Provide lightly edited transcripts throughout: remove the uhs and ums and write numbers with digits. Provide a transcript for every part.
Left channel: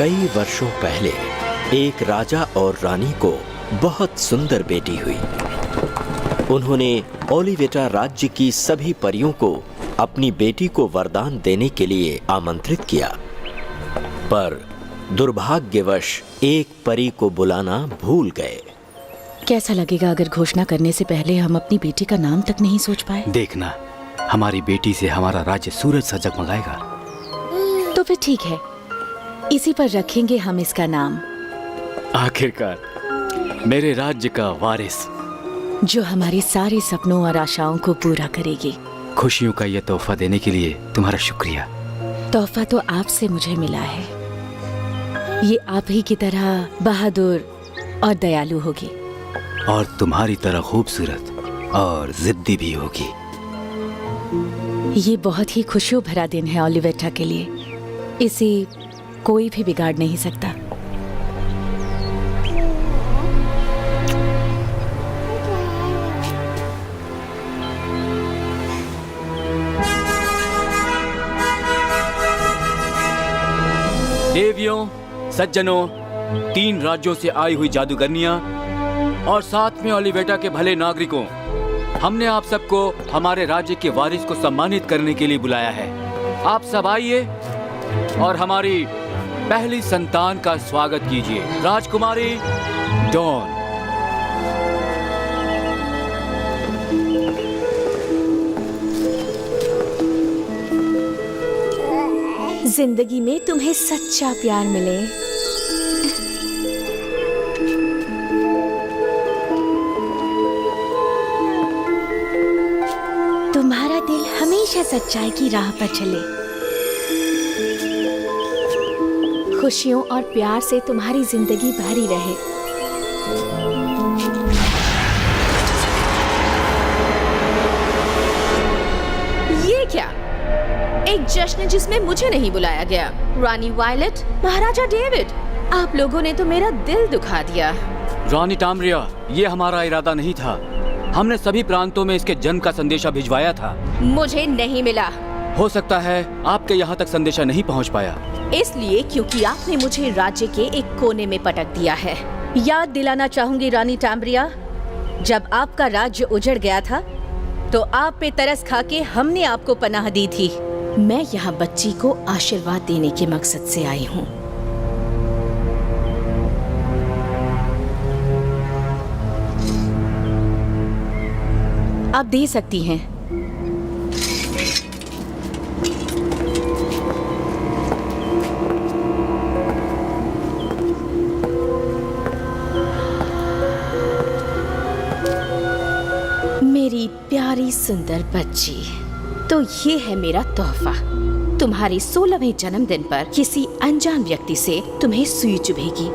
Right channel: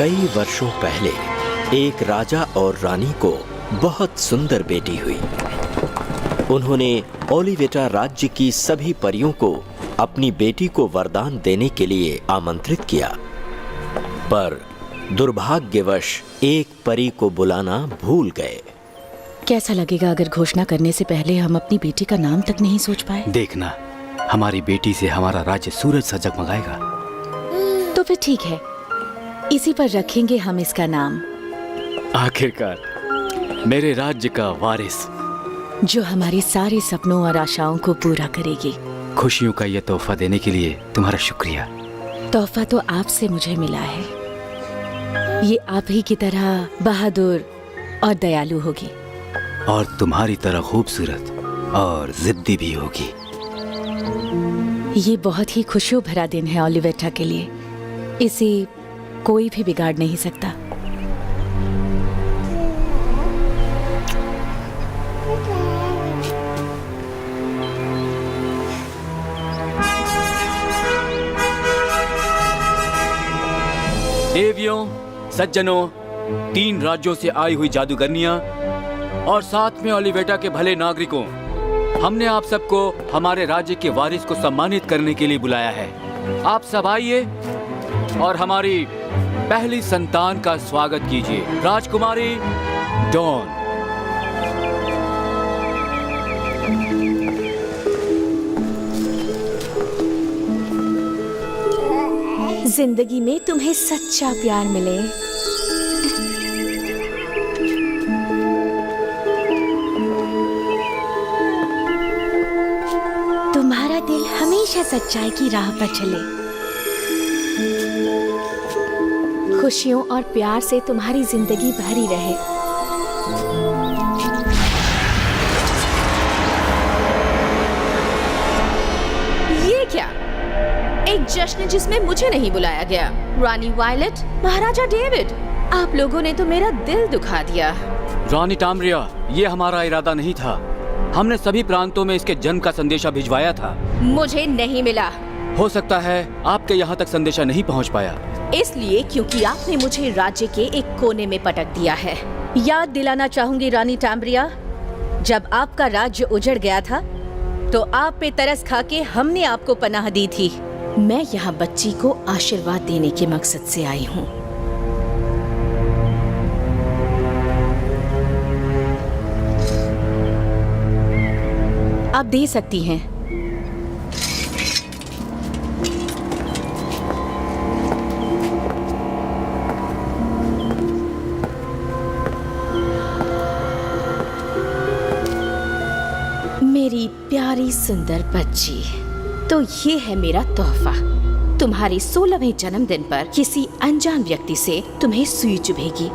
कई वर्षों पहले एक राजा और रानी को बहुत सुंदर बेटी हुई। उन्होंने ओलिवेटा राज्य की सभी परियों को अपनी बेटी को वरदान देने के लिए आमंत्रित किया, पर दुर्भाग्यवश एक परी को बुलाना भूल गए। कैसा लगेगा अगर घोषणा करने से पहले हम अपनी बेटी का नाम तक नहीं सोच पाए? देखना, हमारी बेटी से हमारा राज्य सूरज सा जगमगाएगा। तो फिर ठीक है, इसी पर रखेंगे हम इसका नाम। आखिरकार मेरे राज्य का वारिस, जो हमारे सारे सपनों और आशाओं को पूरा करेगी। खुशियों का यह तोहफा देने के लिए तुम्हारा शुक्रिया। तोहफा तो आपसे मुझे मिला है। ये आप ही की तरह बहादुर और दयालु होगी, और तुम्हारी तरह खूबसूरत और जिद्दी भी होगी। ये बहुत ही खुशियों भरा दिन है ओलिवेटा के लिए। इसे कोई भी बिगाड़ नहीं सकता। देवियों, सज्जनों, 3 राज्यों से आई हुई जादूगरनियां और साथ में ओलिवेटा के भले नागरिकों, हमने आप सबको हमारे राज्य के वारिस को सम्मानित करने के लिए बुलाया है। आप सब आइए और हमारी पहली संतान का स्वागत कीजिए, राजकुमारी डॉन। जिंदगी में तुम्हें सच्चा प्यार मिले। तुम्हारा दिल हमेशा सच्चाई की राह पर चले। खुशियों और प्यार से तुम्हारी जिंदगी भरी रहे। ये क्या? एक जश्न जिसमें मुझे नहीं बुलाया गया। रानी वायलेट, महाराजा डेविड, आप लोगों ने तो मेरा दिल दुखा दिया। रानी टाम्ब्रिया, ये हमारा इरादा नहीं था। हमने सभी प्रांतों में इसके जन्म का संदेशा भिजवाया था। मुझे नहीं मिला। हो सकता है आपके यहाँ तक संदेशा नहीं पहुँच पाया। इसलिए क्योंकि आपने मुझे राज्य के एक कोने में पटक दिया है। याद दिलाना चाहूंगी रानी टाम्ब्रिया, जब आपका राज्य उजड़ गया था तो आप पे तरस खा के हमने आपको पनाह दी थी। मैं यहाँ बच्ची को आशीर्वाद देने के मकसद से आई हूँ। आप दे सकती हैं। मेरी प्यारी सुंदर बच्ची, तो ये है मेरा तोहफा। तुम्हारे 16वें जन्मदिन पर किसी अनजान व्यक्ति से तुम्हें सुई चुभेगी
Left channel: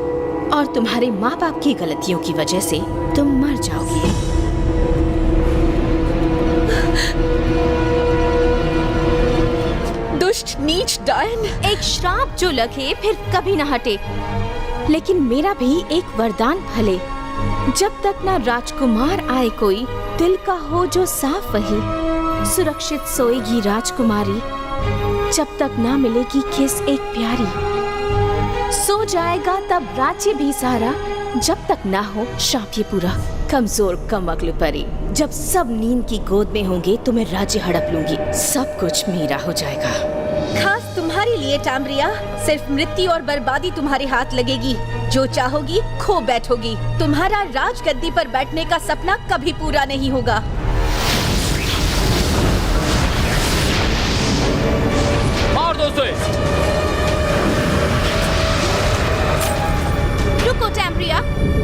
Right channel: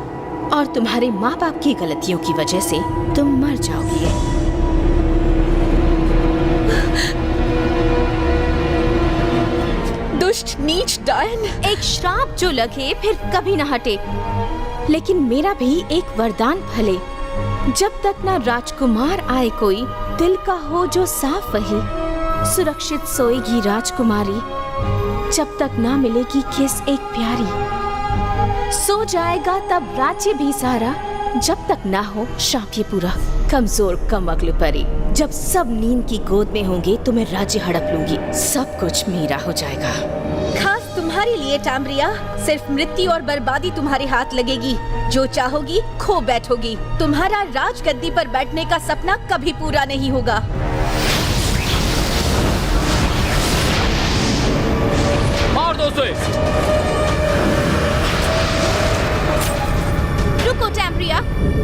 और तुम्हारे माँ बाप की गलतियों की वजह से तुम मर जाओगी। दुष्ट नीच डायन। एक श्राप जो लगे फिर कभी न हटे। लेकिन मेरा भी एक वरदान फले। जब तक ना राजकुमार आए कोई, दिल का हो जो साफ वही। सुरक्षित सोएगी राजकुमारी, जब तक ना मिलेगी किस एक प्यारी। सो जाएगा तब राज्य भी सारा, जब तक ना हो शाप ये पूरा। कमजोर कम अक्ल परी, जब सब नींद की गोद में होंगे तो मैं राज्य हड़प लूंगी। सब कुछ मेरा हो जाएगा। खास तुम्हारे लिए टाम्ब्रिया, सिर्फ मृत्यु और बर्बादी तुम्हारे हाथ लगेगी। जो चाहोगी खो बैठोगी। तुम्हारा राजगद्दी पर बैठने का सपना कभी पूरा नहीं होगा। मार दो उसे। रुको टैम्ब्रिया,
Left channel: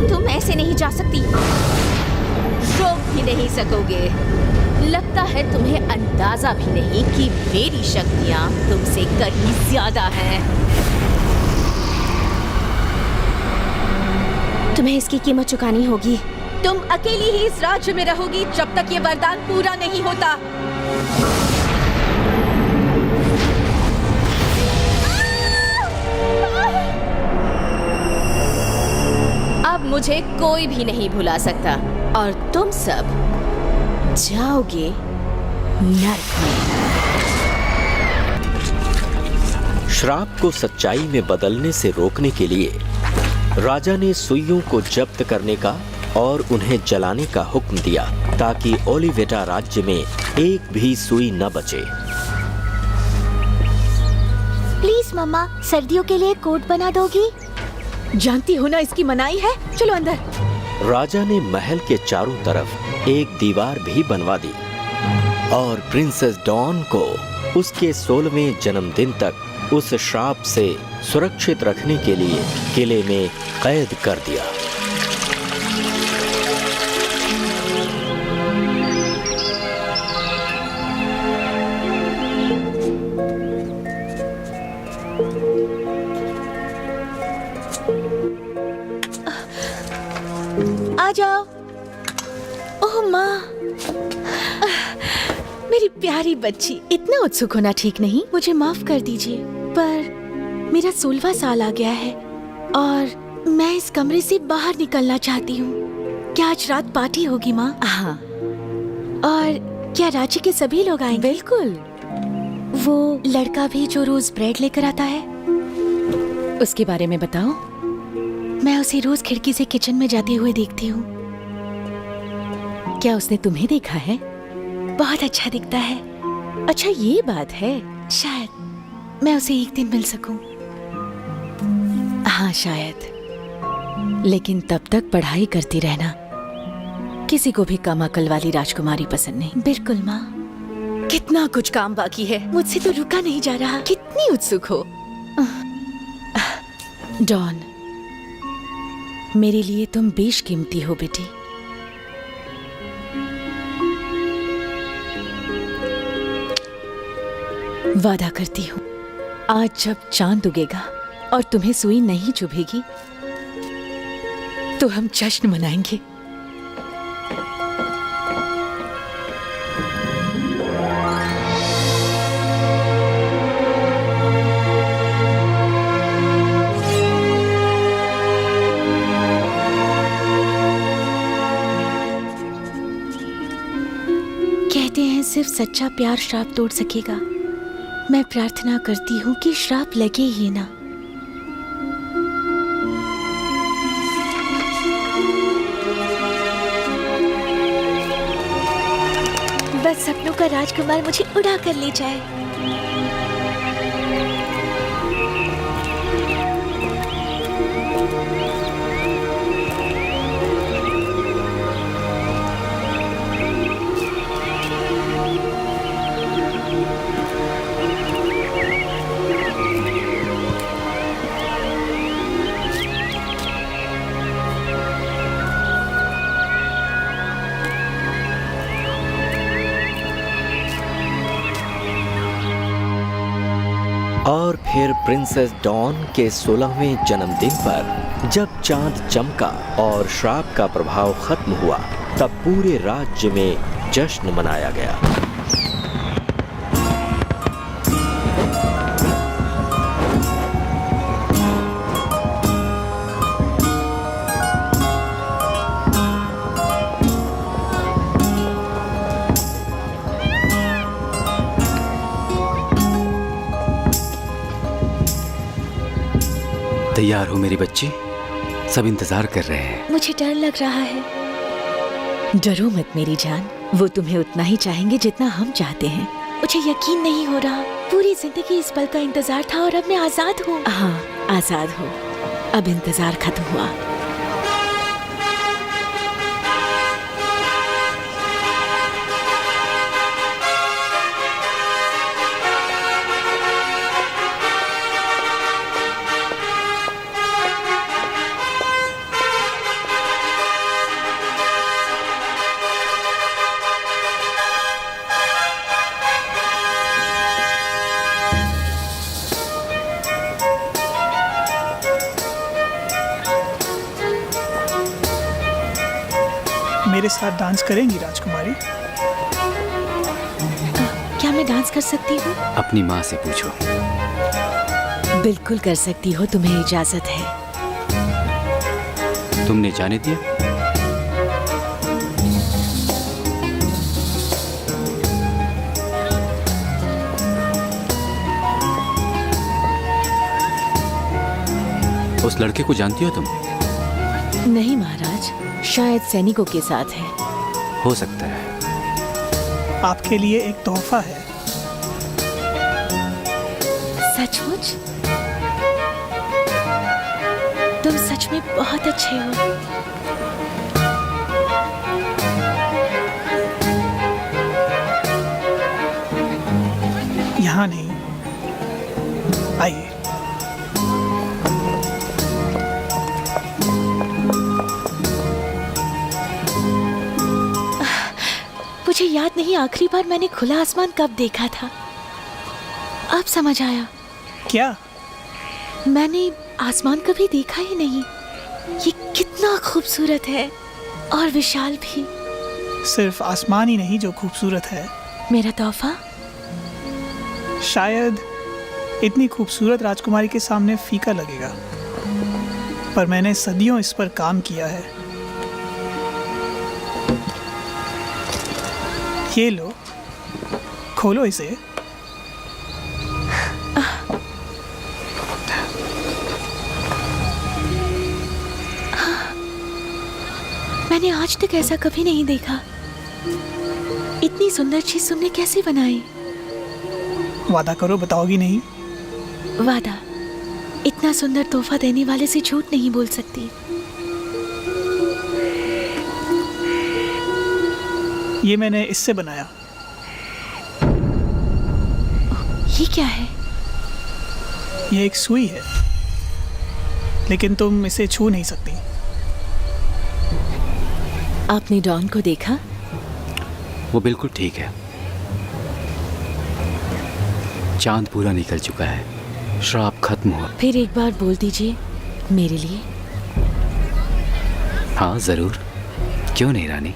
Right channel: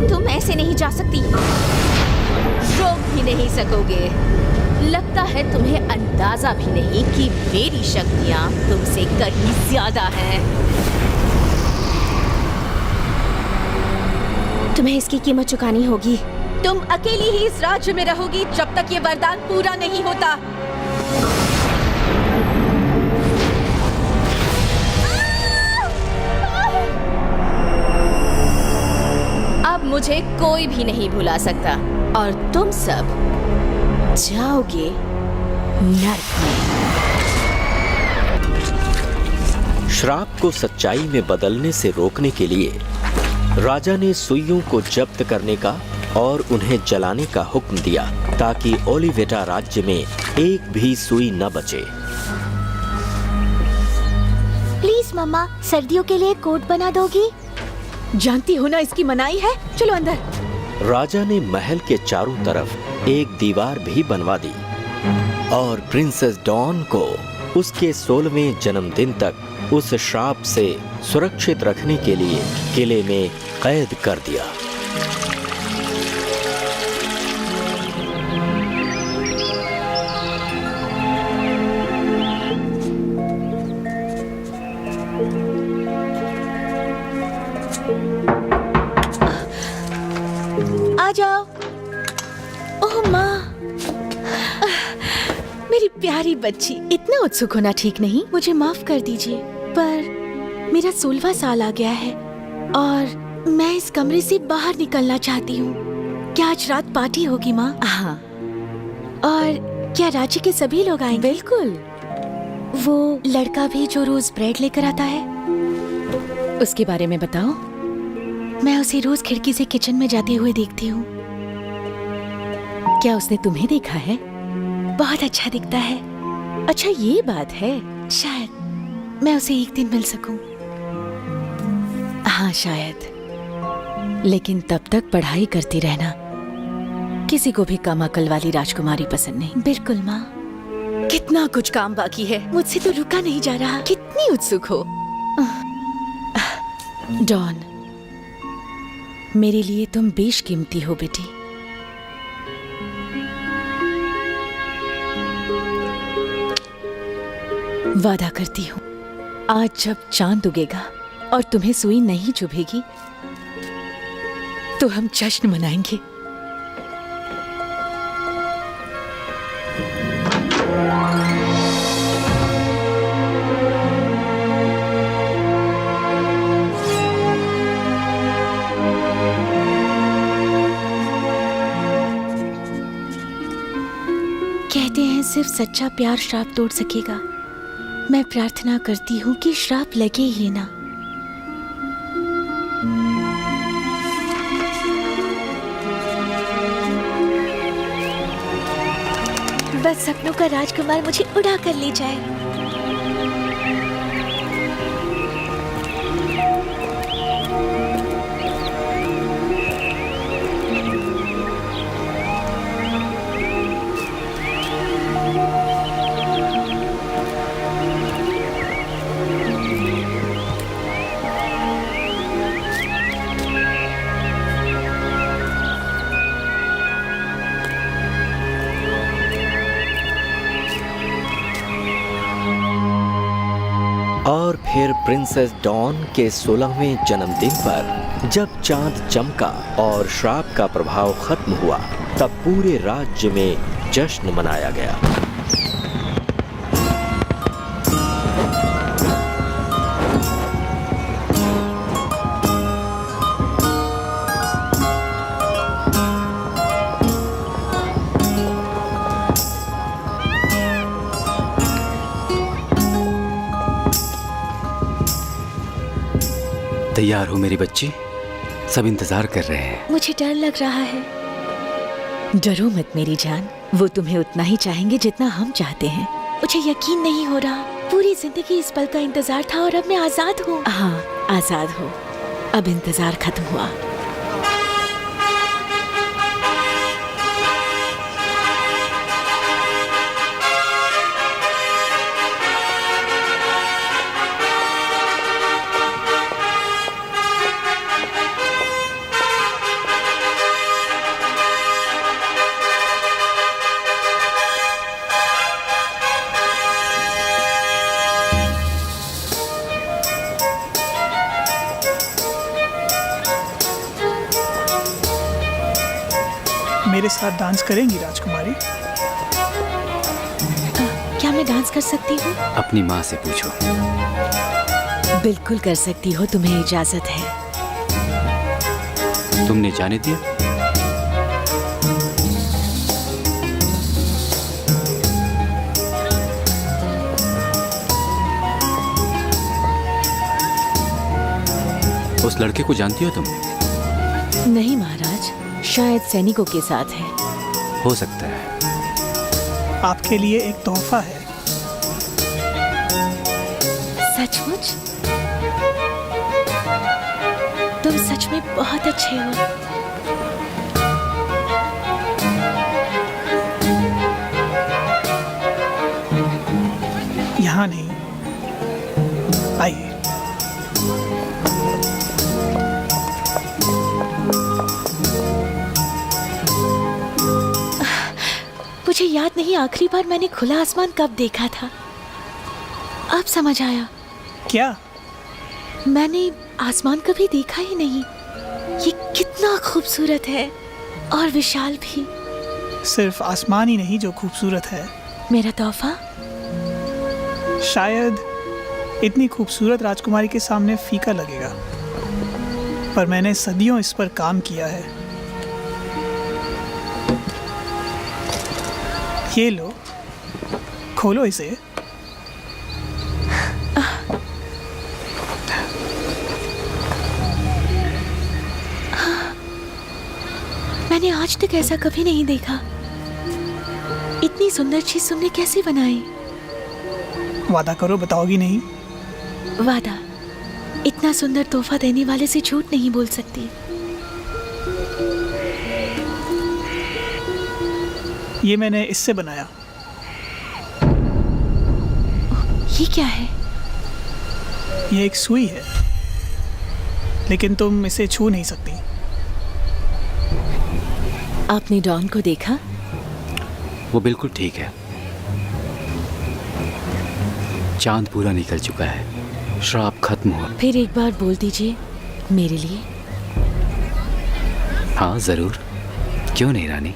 तुम ऐसे नहीं जा सकती। रोक भी नहीं सकोगे। लगता है तुम्हें अंदाजा भी नहीं कि मेरी शक्तियाँ तुमसे कहीं ज्यादा हैं। तुम्हें इसकी कीमत चुकानी होगी। तुम अकेली ही इस राज्य में रहोगी जब तक ये वरदान पूरा नहीं होता। अब मुझे कोई भी नहीं भुला सकता और तुम सब जाओगे नर्क में। श्राप को सच्चाई में बदलने से रोकने के लिए राजा ने सुइयों को जब्त करने का और उन्हें जलाने का हुक्म दिया ताकि ओलिवेटा राज्य में एक भी सुई न बचे। प्लीज मम्मा, सर्दियों के लिए कोट बना दोगी? जानती हो ना इसकी मनाही है। चलो अंदर। राजा ने महल के चारों तरफ एक दीवार भी बनवा दी और प्रिंसेस डॉन को उसके 16वें जन्मदिन तक उस श्राप से सुरक्षित रखने के लिए किले में कैद कर दिया। आ जाओ। ओह माँ, मेरी प्यारी बच्ची। इतना उत्सुक होना ठीक नहीं। मुझे माफ कर दीजिए, पर मेरा 16वां साल आ गया है और मैं इस कमरे से बाहर निकलना चाहती हूँ। क्या आज रात पार्टी होगी माँ? हाँ, और क्या राज्य के सभी लोग आएंगे? बिल्कुल। वो लड़का भी जो रोज ब्रेड लेकर आता है? उसके बारे में बताओ। मैं उसे रोज खिड़की से किचन में जाते हुए देखती हूँ। क्या उसने तुम्हें देखा है? बहुत अच्छा दिखता है। अच्छा, ये बात है। शायद मैं उसे एक दिन मिल सकूं। हाँ, शायद। लेकिन तब तक पढ़ाई करती रहना। किसी को भी कम अकल वाली राजकुमारी पसंद नहीं। बिल्कुल माँ। कितना कुछ काम बाकी है, मुझसे तो रुका नहीं जा रहा। कितनी उत्सुक हो। डॉन, मेरे लिए तुम बेशकीमती हो बेटी। वादा करती हूँ, आज जब चांद उगेगा और तुम्हें सुई नहीं चुभेगी तो हम जश्न मनाएंगे। कहते हैं सिर्फ सच्चा प्यार श्राप तोड़ सकेगा। मैं प्रार्थना करती हूँ कि श्राप लगे ही ना। बस सपनों का राजकुमार मुझे उड़ा कर ले जाए। और फिर प्रिंसेस डॉन के 16वें जन्मदिन पर जब चांद चमका और श्राप का प्रभाव खत्म हुआ, तब पूरे राज्य में जश्न मनाया गया। तैयार हो मेरी बच्ची? सब इंतजार कर रहे हैं। मुझे डर लग रहा है। डरो मत मेरी जान, वो तुम्हें उतना ही चाहेंगे जितना हम चाहते हैं। मुझे यकीन नहीं हो रहा। पूरी जिंदगी इस पल का इंतजार था और अब मैं आजाद हूँ। हाँ, आजाद हो। अब इंतजार खत्म हुआ। मेरे साथ डांस करेंगी राजकुमारी? क्या मैं डांस कर सकती हूँ? अपनी माँ से पूछो। बिल्कुल कर सकती हो, तुम्हें इजाजत है। तुमने जाने दिया? उस लड़के को जानती हो तुम? नहीं महाराज, शायद सैनिकों के साथ है। हो सकता है। आपके लिए एक तोहफा है। सचमुच? तुम सच में बहुत अच्छे हो। यहाँ नहीं, आइए। मुझे याद नहीं आखिरी बार मैंने खुला आसमान कब देखा था। अब समझ आया, क्या? मैंने आसमान कभी देखा ही नहीं। ये कितना खूबसूरत है और विशाल भी। सिर्फ आसमान ही नहीं जो खूबसूरत है। मेरा तोहफा? शायद इतनी खूबसूरत राजकुमारी के सामने फीका लगेगा, पर मैंने सदियों इस पर काम किया है। ये लो, खोलो इसे। मैंने आज तक ऐसा कभी नहीं देखा। इतनी सुंदर चीज तुमने कैसे बनाई? वादा करो बताओगी नहीं? वादा। इतना सुंदर तोहफा देने वाले से झूठ नहीं बोल सकती। ये मैंने इससे बनाया। ये क्या है? ये एक सुई है, लेकिन तुम इसे छू नहीं सकती। आपने डॉन को देखा? वो बिल्कुल ठीक है। चांद पूरा निकल चुका है, श्राप खत्म हुआ। फिर एक बार बोल दीजिए मेरे लिए। हाँ जरूर, क्यों नहीं रानी।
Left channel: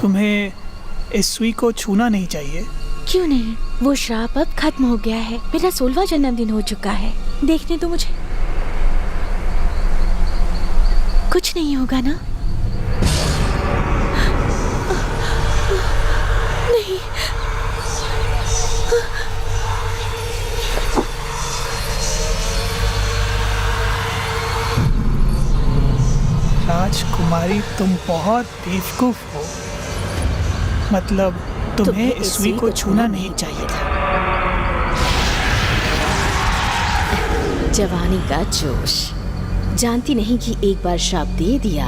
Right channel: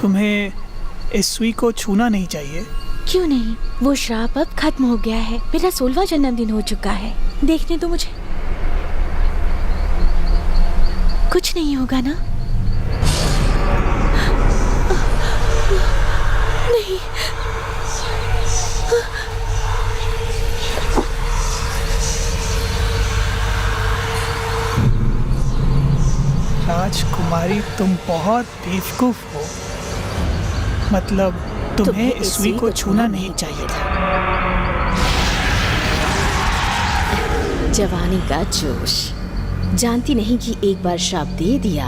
तुम्हें इस सुई को छूना नहीं चाहिए। क्यों नहीं? वो श्राप अब खत्म हो गया है। मेरा 16वां जन्मदिन हो चुका है। देखने तो मुझे कुछ नहीं होगा ना? नहीं। राजकुमारी, तुम बहुत बेवकूफ हो। मतलब तुम्हें इस सुई को छूना नहीं चाहिए था। जवानी का जोश। जानती नहीं कि एक बार श्राप दे दिया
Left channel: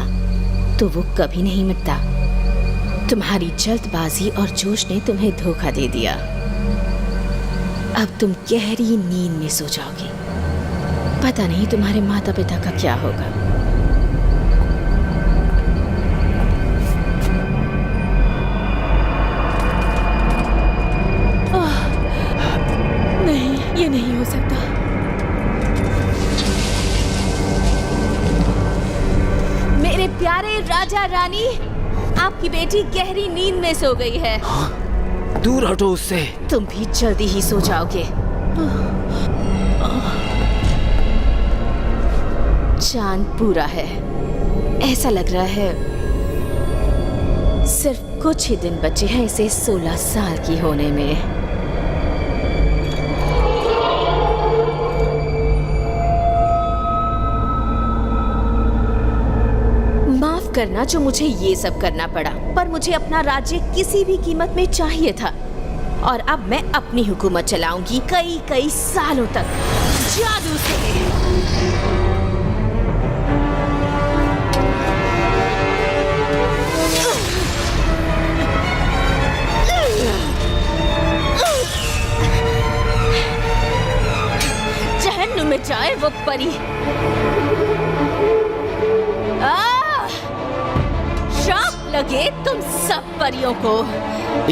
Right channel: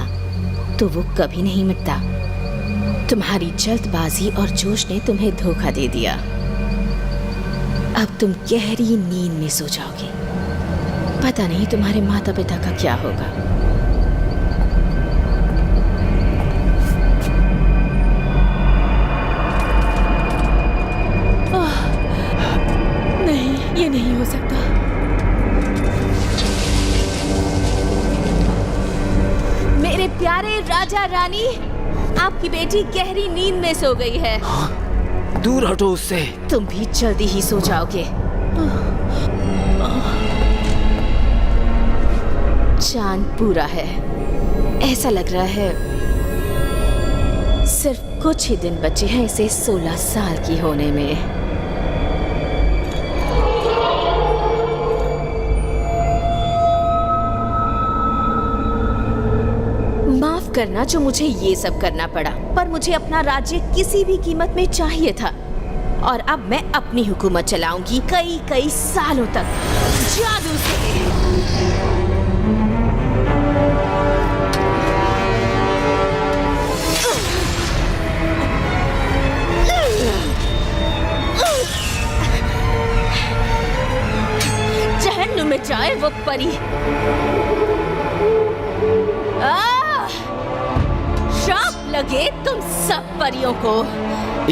तो वो कभी नहीं मिटता। तुम्हारी जल्दबाजी और जोश ने तुम्हें धोखा दे दिया। अब तुम गहरी नींद में सो जाओगे। पता नहीं तुम्हारे माता पिता का क्या होगा। नहीं, ये नहीं हो सकता। मेरे प्यारे राजा रानी, आपकी बेटी गहरी नींद में सो गई है। दूर हटो उससे। तुम भी जल्दी ही सो जाओगे। चांद पूरा है। ऐसा लग रहा है सिर्फ कुछ ही दिन बचे हैं इसे 16 साल की होने में। माफ करना जो मुझे ये सब करना पड़ा, पर मुझे अपना राज्य किसी भी कीमत में चाहिए था। और अब मैं अपनी हुकूमत चलाऊंगी कई कई सालों तक, जादू से। जहन्नुम में जाए वो परी। श्राप लगे तुम सब परियों को।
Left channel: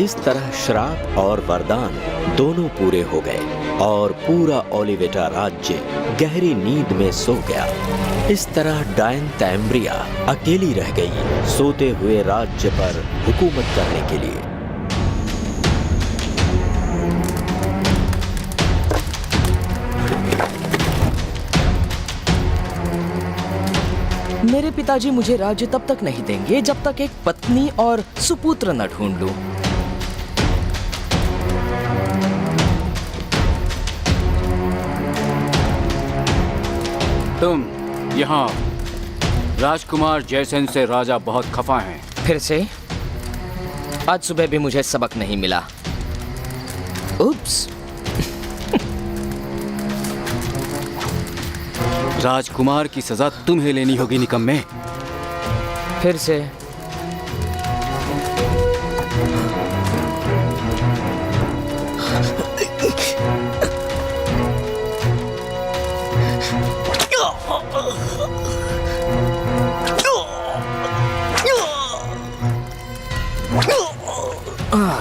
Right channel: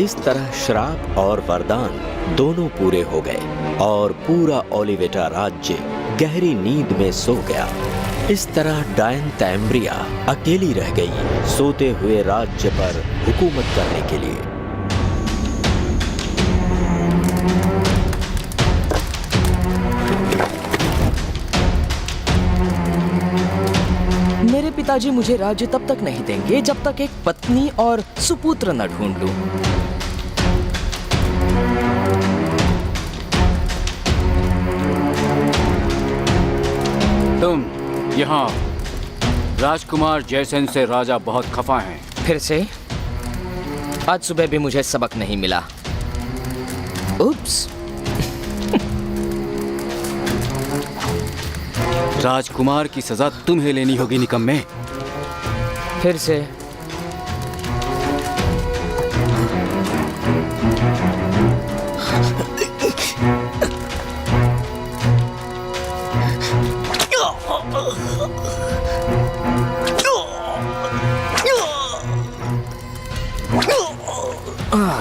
इस तरह श्राप और वरदान दोनों पूरे हो गए और पूरा ओलिवेटा राज्य गहरी नींद में सो गया। इस तरह डायन तैम्ब्रिया अकेली रह गई, सोते हुए राज्य पर हुकूमत करने के लिए। मेरे पिताजी मुझे राज्य तब तक नहीं देंगे जब तक एक पत्नी और सुपुत्र न ढूंढ लूं। तुम यहाँ राजकुमार जयसेन से राजा बहुत खफा हैं। फिर से? आज सुबह भी मुझे सबक नहीं मिला। उप्स। राजकुमार की सजा तुम्हें लेनी होगी निकम्मे। फिर से?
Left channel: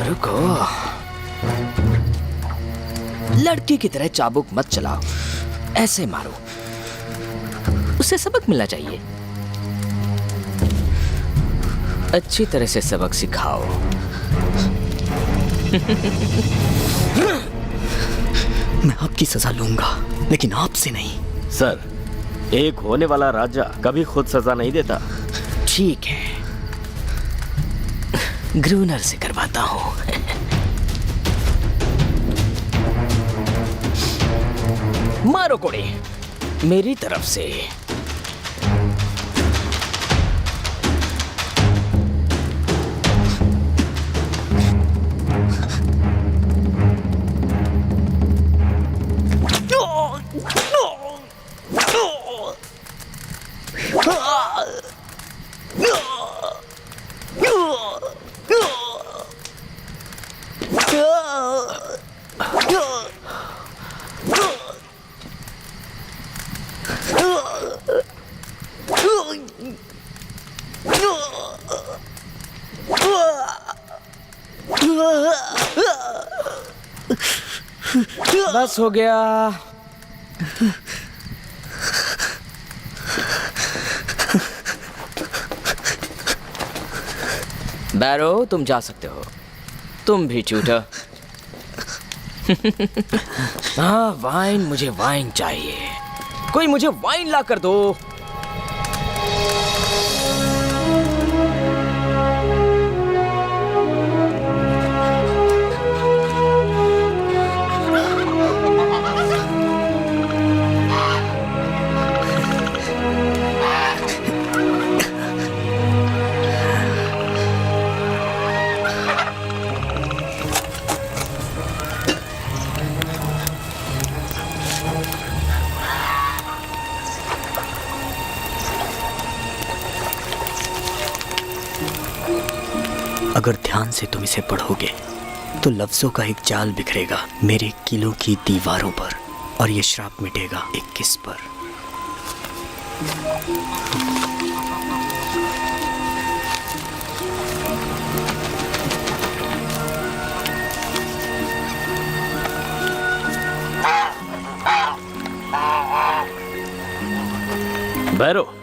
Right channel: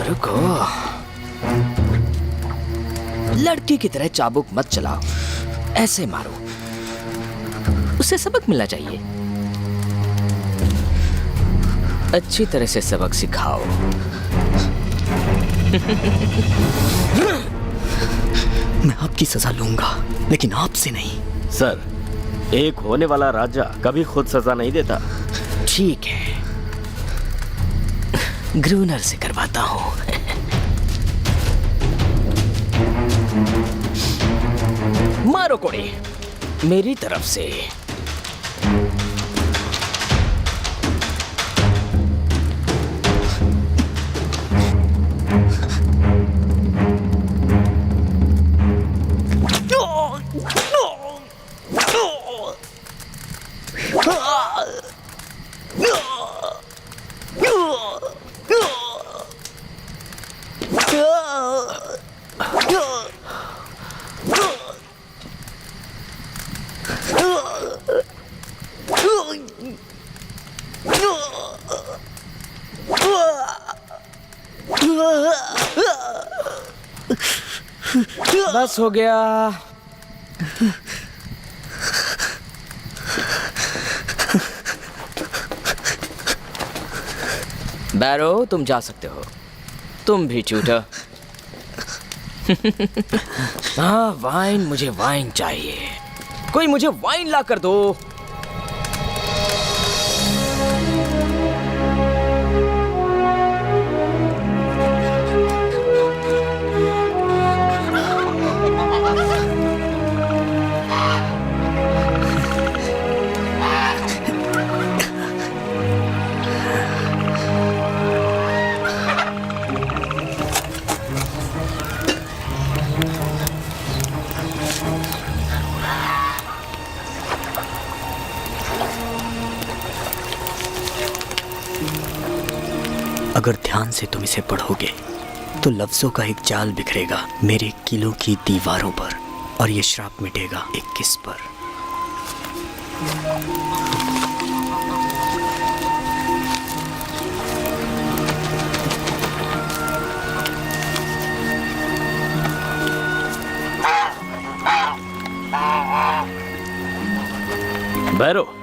रुको। लड़की की तरह चाबुक मत चलाओ, ऐसे मारो। उसे सबक मिलना चाहिए। अच्छी तरह से सबक सिखाओ। मैं आपकी सजा लूंगा, लेकिन आपसे नहीं। सर, एक होने वाला राजा कभी खुद सजा नहीं देता। ठीक है, ग्रूनर से करवाता हूं। मारो कोड़े मेरी तरफ से। बस हो गया। बैरो, तुम जा सकते हो। तुम भी चूटा। हाँ, वाइन, मुझे वाइन चाहिए। कोई मुझे वाइन ला कर दो। अगर ध्यान से तुम इसे पढ़ोगे तो लफ्जों का एक जाल बिखरेगा मेरे किलों की दीवारों पर, और ये श्राप मिटेगा एक किस पर। बैरो,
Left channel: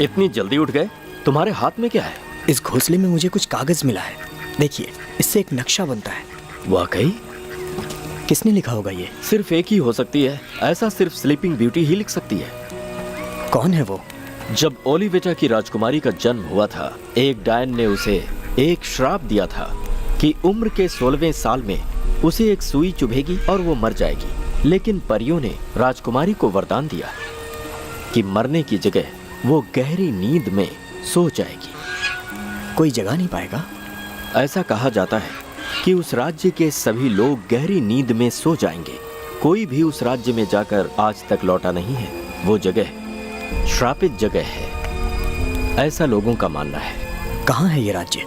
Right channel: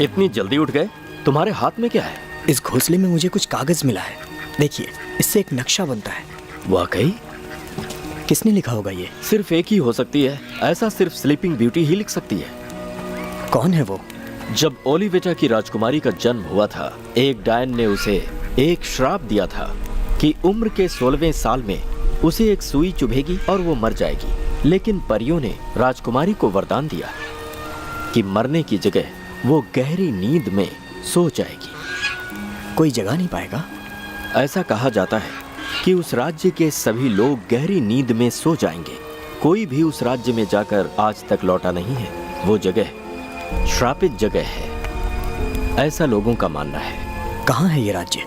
इतनी जल्दी उठ गए? तुम्हारे हाथ में क्या है? इस घोंसले में मुझे कुछ कागज मिला है। देखिए, इससे एक नक्शा बनता है। वाकई? किसने लिखा होगा ये? सिर्फ एक ही हो सकती है। ऐसा सिर्फ स्लीपिंग ब्यूटी ही लिख सकती है। कौन है वो? जब ओलिवेटा की राजकुमारी का जन्म हुआ था, एक डायन ने उसे एक श्राप दिया था कि उम्र के 16वें साल में उसे एक सुई चुभेगी और वो मर जाएगी। लेकिन परियों ने राजकुमारी को वरदान दिया कि मरने की जगह वो गहरी नींद में सो जाएगी। कोई जगा नहीं पाएगा? ऐसा कहा जाता है कि उस राज्य के सभी लोग गहरी नींद में सो जाएंगे। कोई भी उस राज्य में जाकर आज तक लौटा नहीं है। वो जगह श्रापित जगह है, ऐसा लोगों का मानना है। कहाँ है ये राज्य?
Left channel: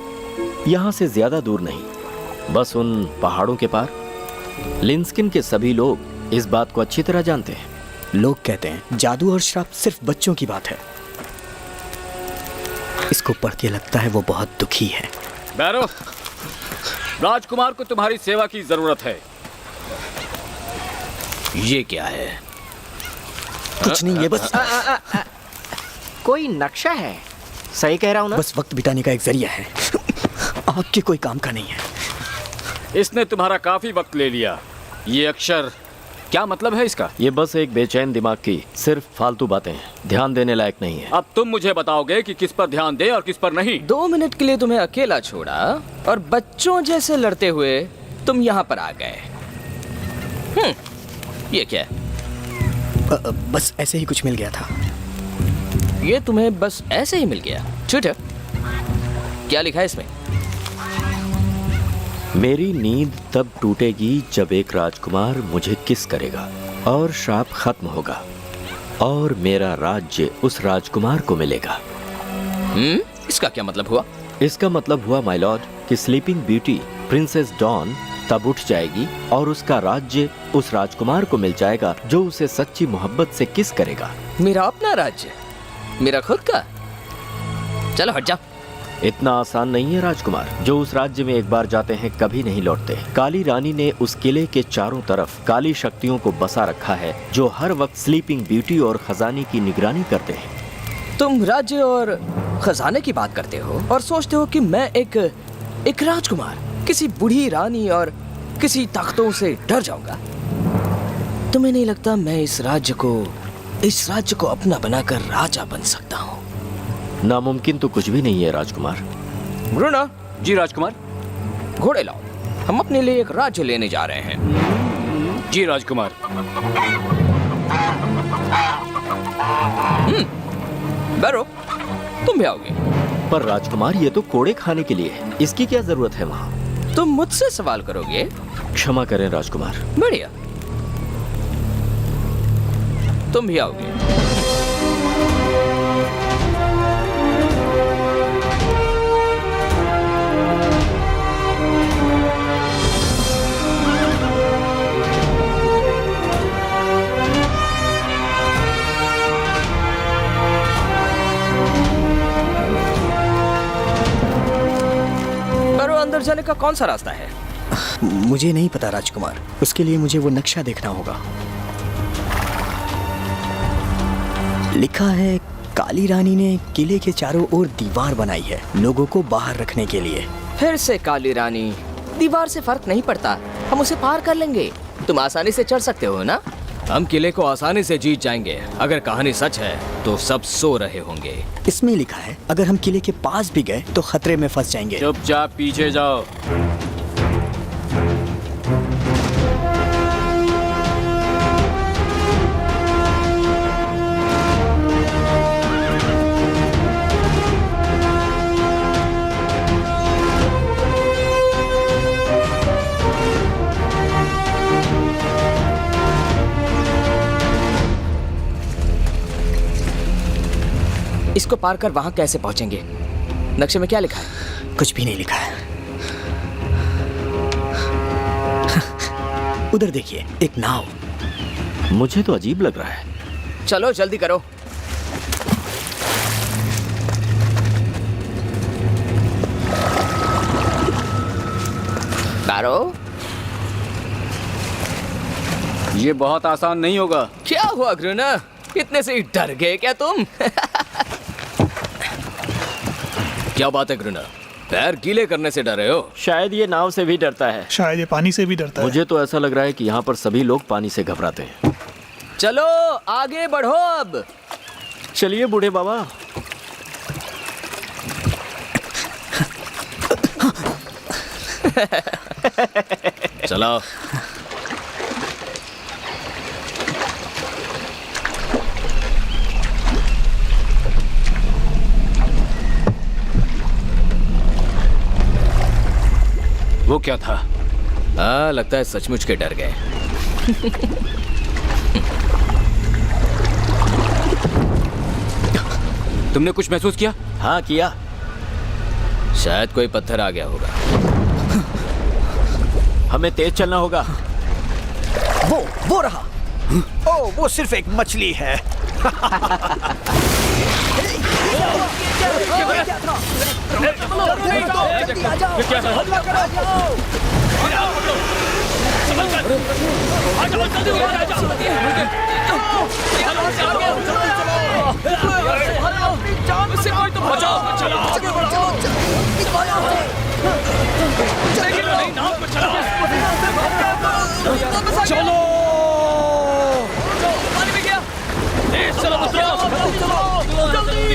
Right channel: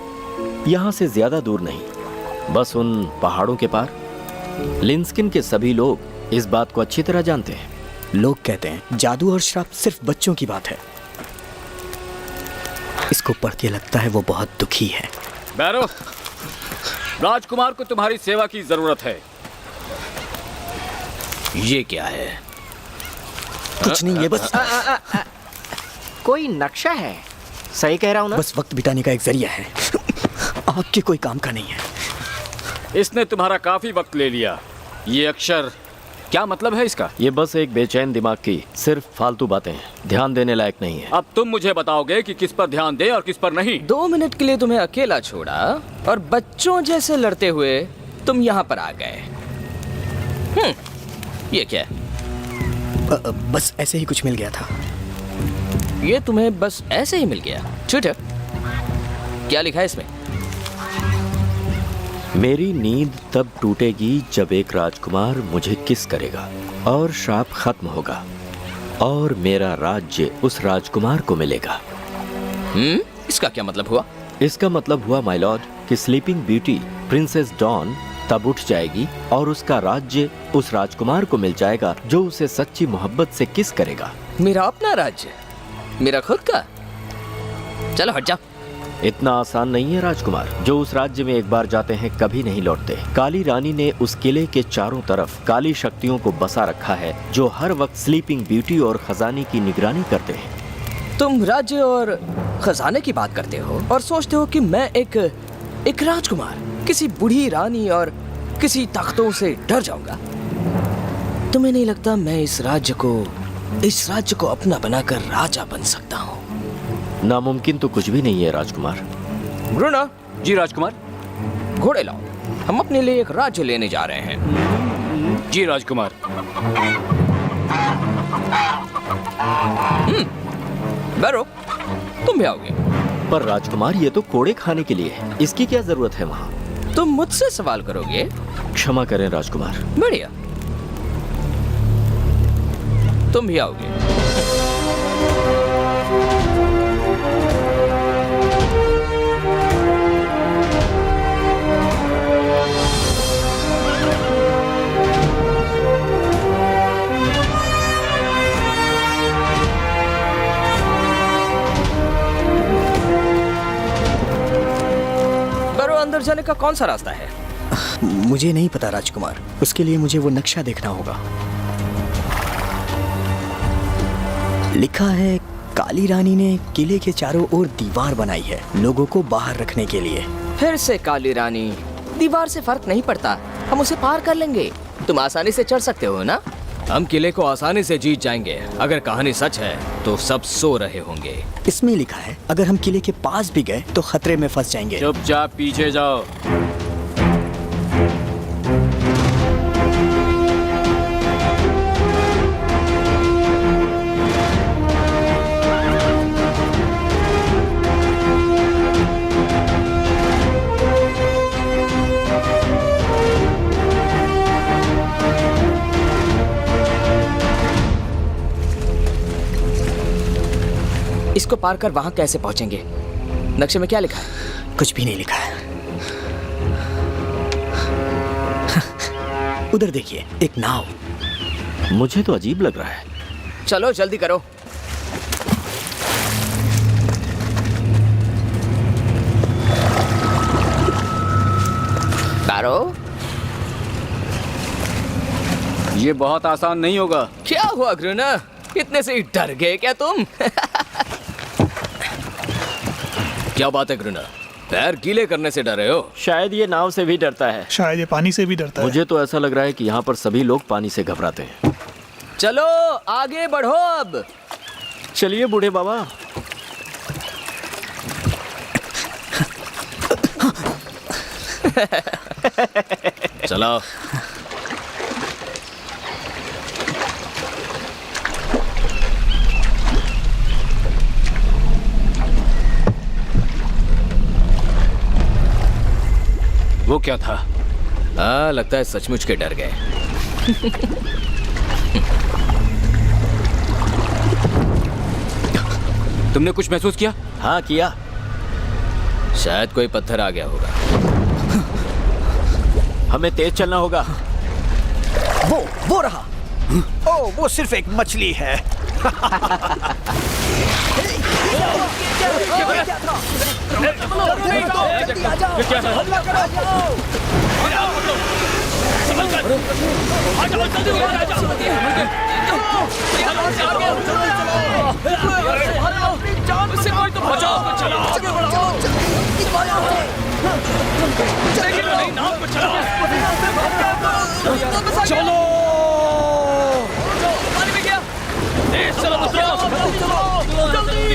यहाँ से ज्यादा दूर नहीं, बस उन पहाड़ों के पार। लिंस्किन के सभी लोग इस बात को अच्छी तरह जानते हैं। लोग कहते हैं जादू और श्राप सिर्फ बच्चों की बात है। इसको पढ़ के लगता है वो बहुत दुखी है। बैरो, राजकुमार को तुम्हारी सेवा की जरूरत है। ये क्या है? कुछ नहीं, ये बस कोई नक्शा है। सही कह रहा हूँ ना? बस वक्त बिताने का एक जरिया है। आपके कोई काम का नहीं है। इसने तुम्हारा काफी वक्त ले लिया। ये अक्षर क्या मतलब है इसका? ये बस एक बेचैन दिमाग की सिर्फ फालतू बातें हैं, ध्यान देने लायक नहीं है। अब तुम मुझे बताओगे कि किस पर ध्यान दे और किस पर नहीं। 2 मिनट के लिए तुम्हें अकेला छोड़ा और बच्चों जैसे लड़ते हुए तुम यहाँ पर आ गए। ये क्या है? बस ऐसे ही कुछ मिल गया था। ये तुम्हें बस ऐसे ही मिल गया? छूट। क्या लिखा है इसमें? मेरी नींद तब टूटेगी जब एक राजकुमार मुझे किस करेगा और श्राप खत्म होगा और मेरा राज्य उस राजकुमार को मिलेगा। इसका क्या मतलब हुआ? इसका मतलब हुआ माय लॉर्ड कि स्लीपिंग ब्यूटी प्रिंसेस डॉन तब उठ जाएगी और उसका राज्य उस राजकुमार को मिल जाएगा जो उसे सच्ची मोहब्बत से किस करेगा। मेरा अपना राज्य? मेरा खुद का? चलो हट जाओ। इतना आसान नहीं है राजकुमार, जो उस राज्य में एक बार जाते हैं कभी नहीं लौटते। काली रानी ने उस किले के चारों तरफ काली शक्तियों को बसा रखा है जो हर वक्त स्लीपिंग ब्यूटी और खजाने की निगरानी करते हैं। तुम राज्य और खजाने की बात करते हो और सोचते हो कि मैं एक राजकुमार किसी बूढ़ी रानी और किसी ताकतों से डर जाऊंगा? तुम्हें नहीं लगता मैं इस राज्य को अपना बनाकर राजा बन सकता हूँ? नामुमकिन तो कुछ भी नहीं है राजकुमार। ब्रूनो। जी राजकुमार। घोड़े लाओ, हम अपने लिए एक राज्य लेने जा रहे हैं। जी राजकुमार। बैरो, तुम भी आओगे? पर राजकुमार ये तो कोड़े खाने के लिए है, इसकी क्या जरूरत है वहाँ? तुम मुझसे सवाल करोगे? क्षमा करें राजकुमार। बढ़िया, तुम भी आओगे। अंदर जाने का कौन सा रास्ता है? मुझे नहीं पता राजकुमार, उसके लिए मुझे वो नक्शा देखना होगा। लिखा है काली रानी ने किले के चारों ओर दीवार बनाई है लोगों को बाहर रखने के लिए। फिर से काली रानी, दीवार से फर्क नहीं पड़ता, हम उसे पार कर लेंगे। तुम आसानी से चढ़ सकते हो ना? हम किले को आसानी से जीत जाएंगे। अगर कहानी सच है तो सब सो रहे होंगे। इसमें लिखा है अगर हम किले के पास भी गए तो खतरे में फंस जाएंगे। चुपचाप पीछे जाओ। इसको पार कर वहां कैसे पहुंचेंगे? नक्शे में क्या लिखा है? कुछ भी नहीं लिखा है। उधर देखिए, एक नाव। मुझे तो अजीब लग रहा है। चलो जल्दी करो। बैरो, ये बहुत आसान नहीं होगा। क्या हुआ ग्रुना, इतने से ही डर गए क्या तुम? क्या बात है ग्रुना, पैर गीले करने से डरे हो? शायद ये नाव से भी डरता है। शायद ये पानी से भी डरता है। मुझे तो ऐसा लग रहा है कि यहाँ पर सभी लोग पानी से घबराते हैं। चलो आगे बढ़ो अब। चलिए बूढ़े बाबा। चलो। वो क्या था? हाँ, लगता है सचमुच के डर गए। तुमने कुछ महसूस किया? हाँ किया। शायद कोई पत्थर आ गया होगा। हमें तेज चलना होगा। वो रहा। ओ, वो सिर्फ एक मछली है। चलो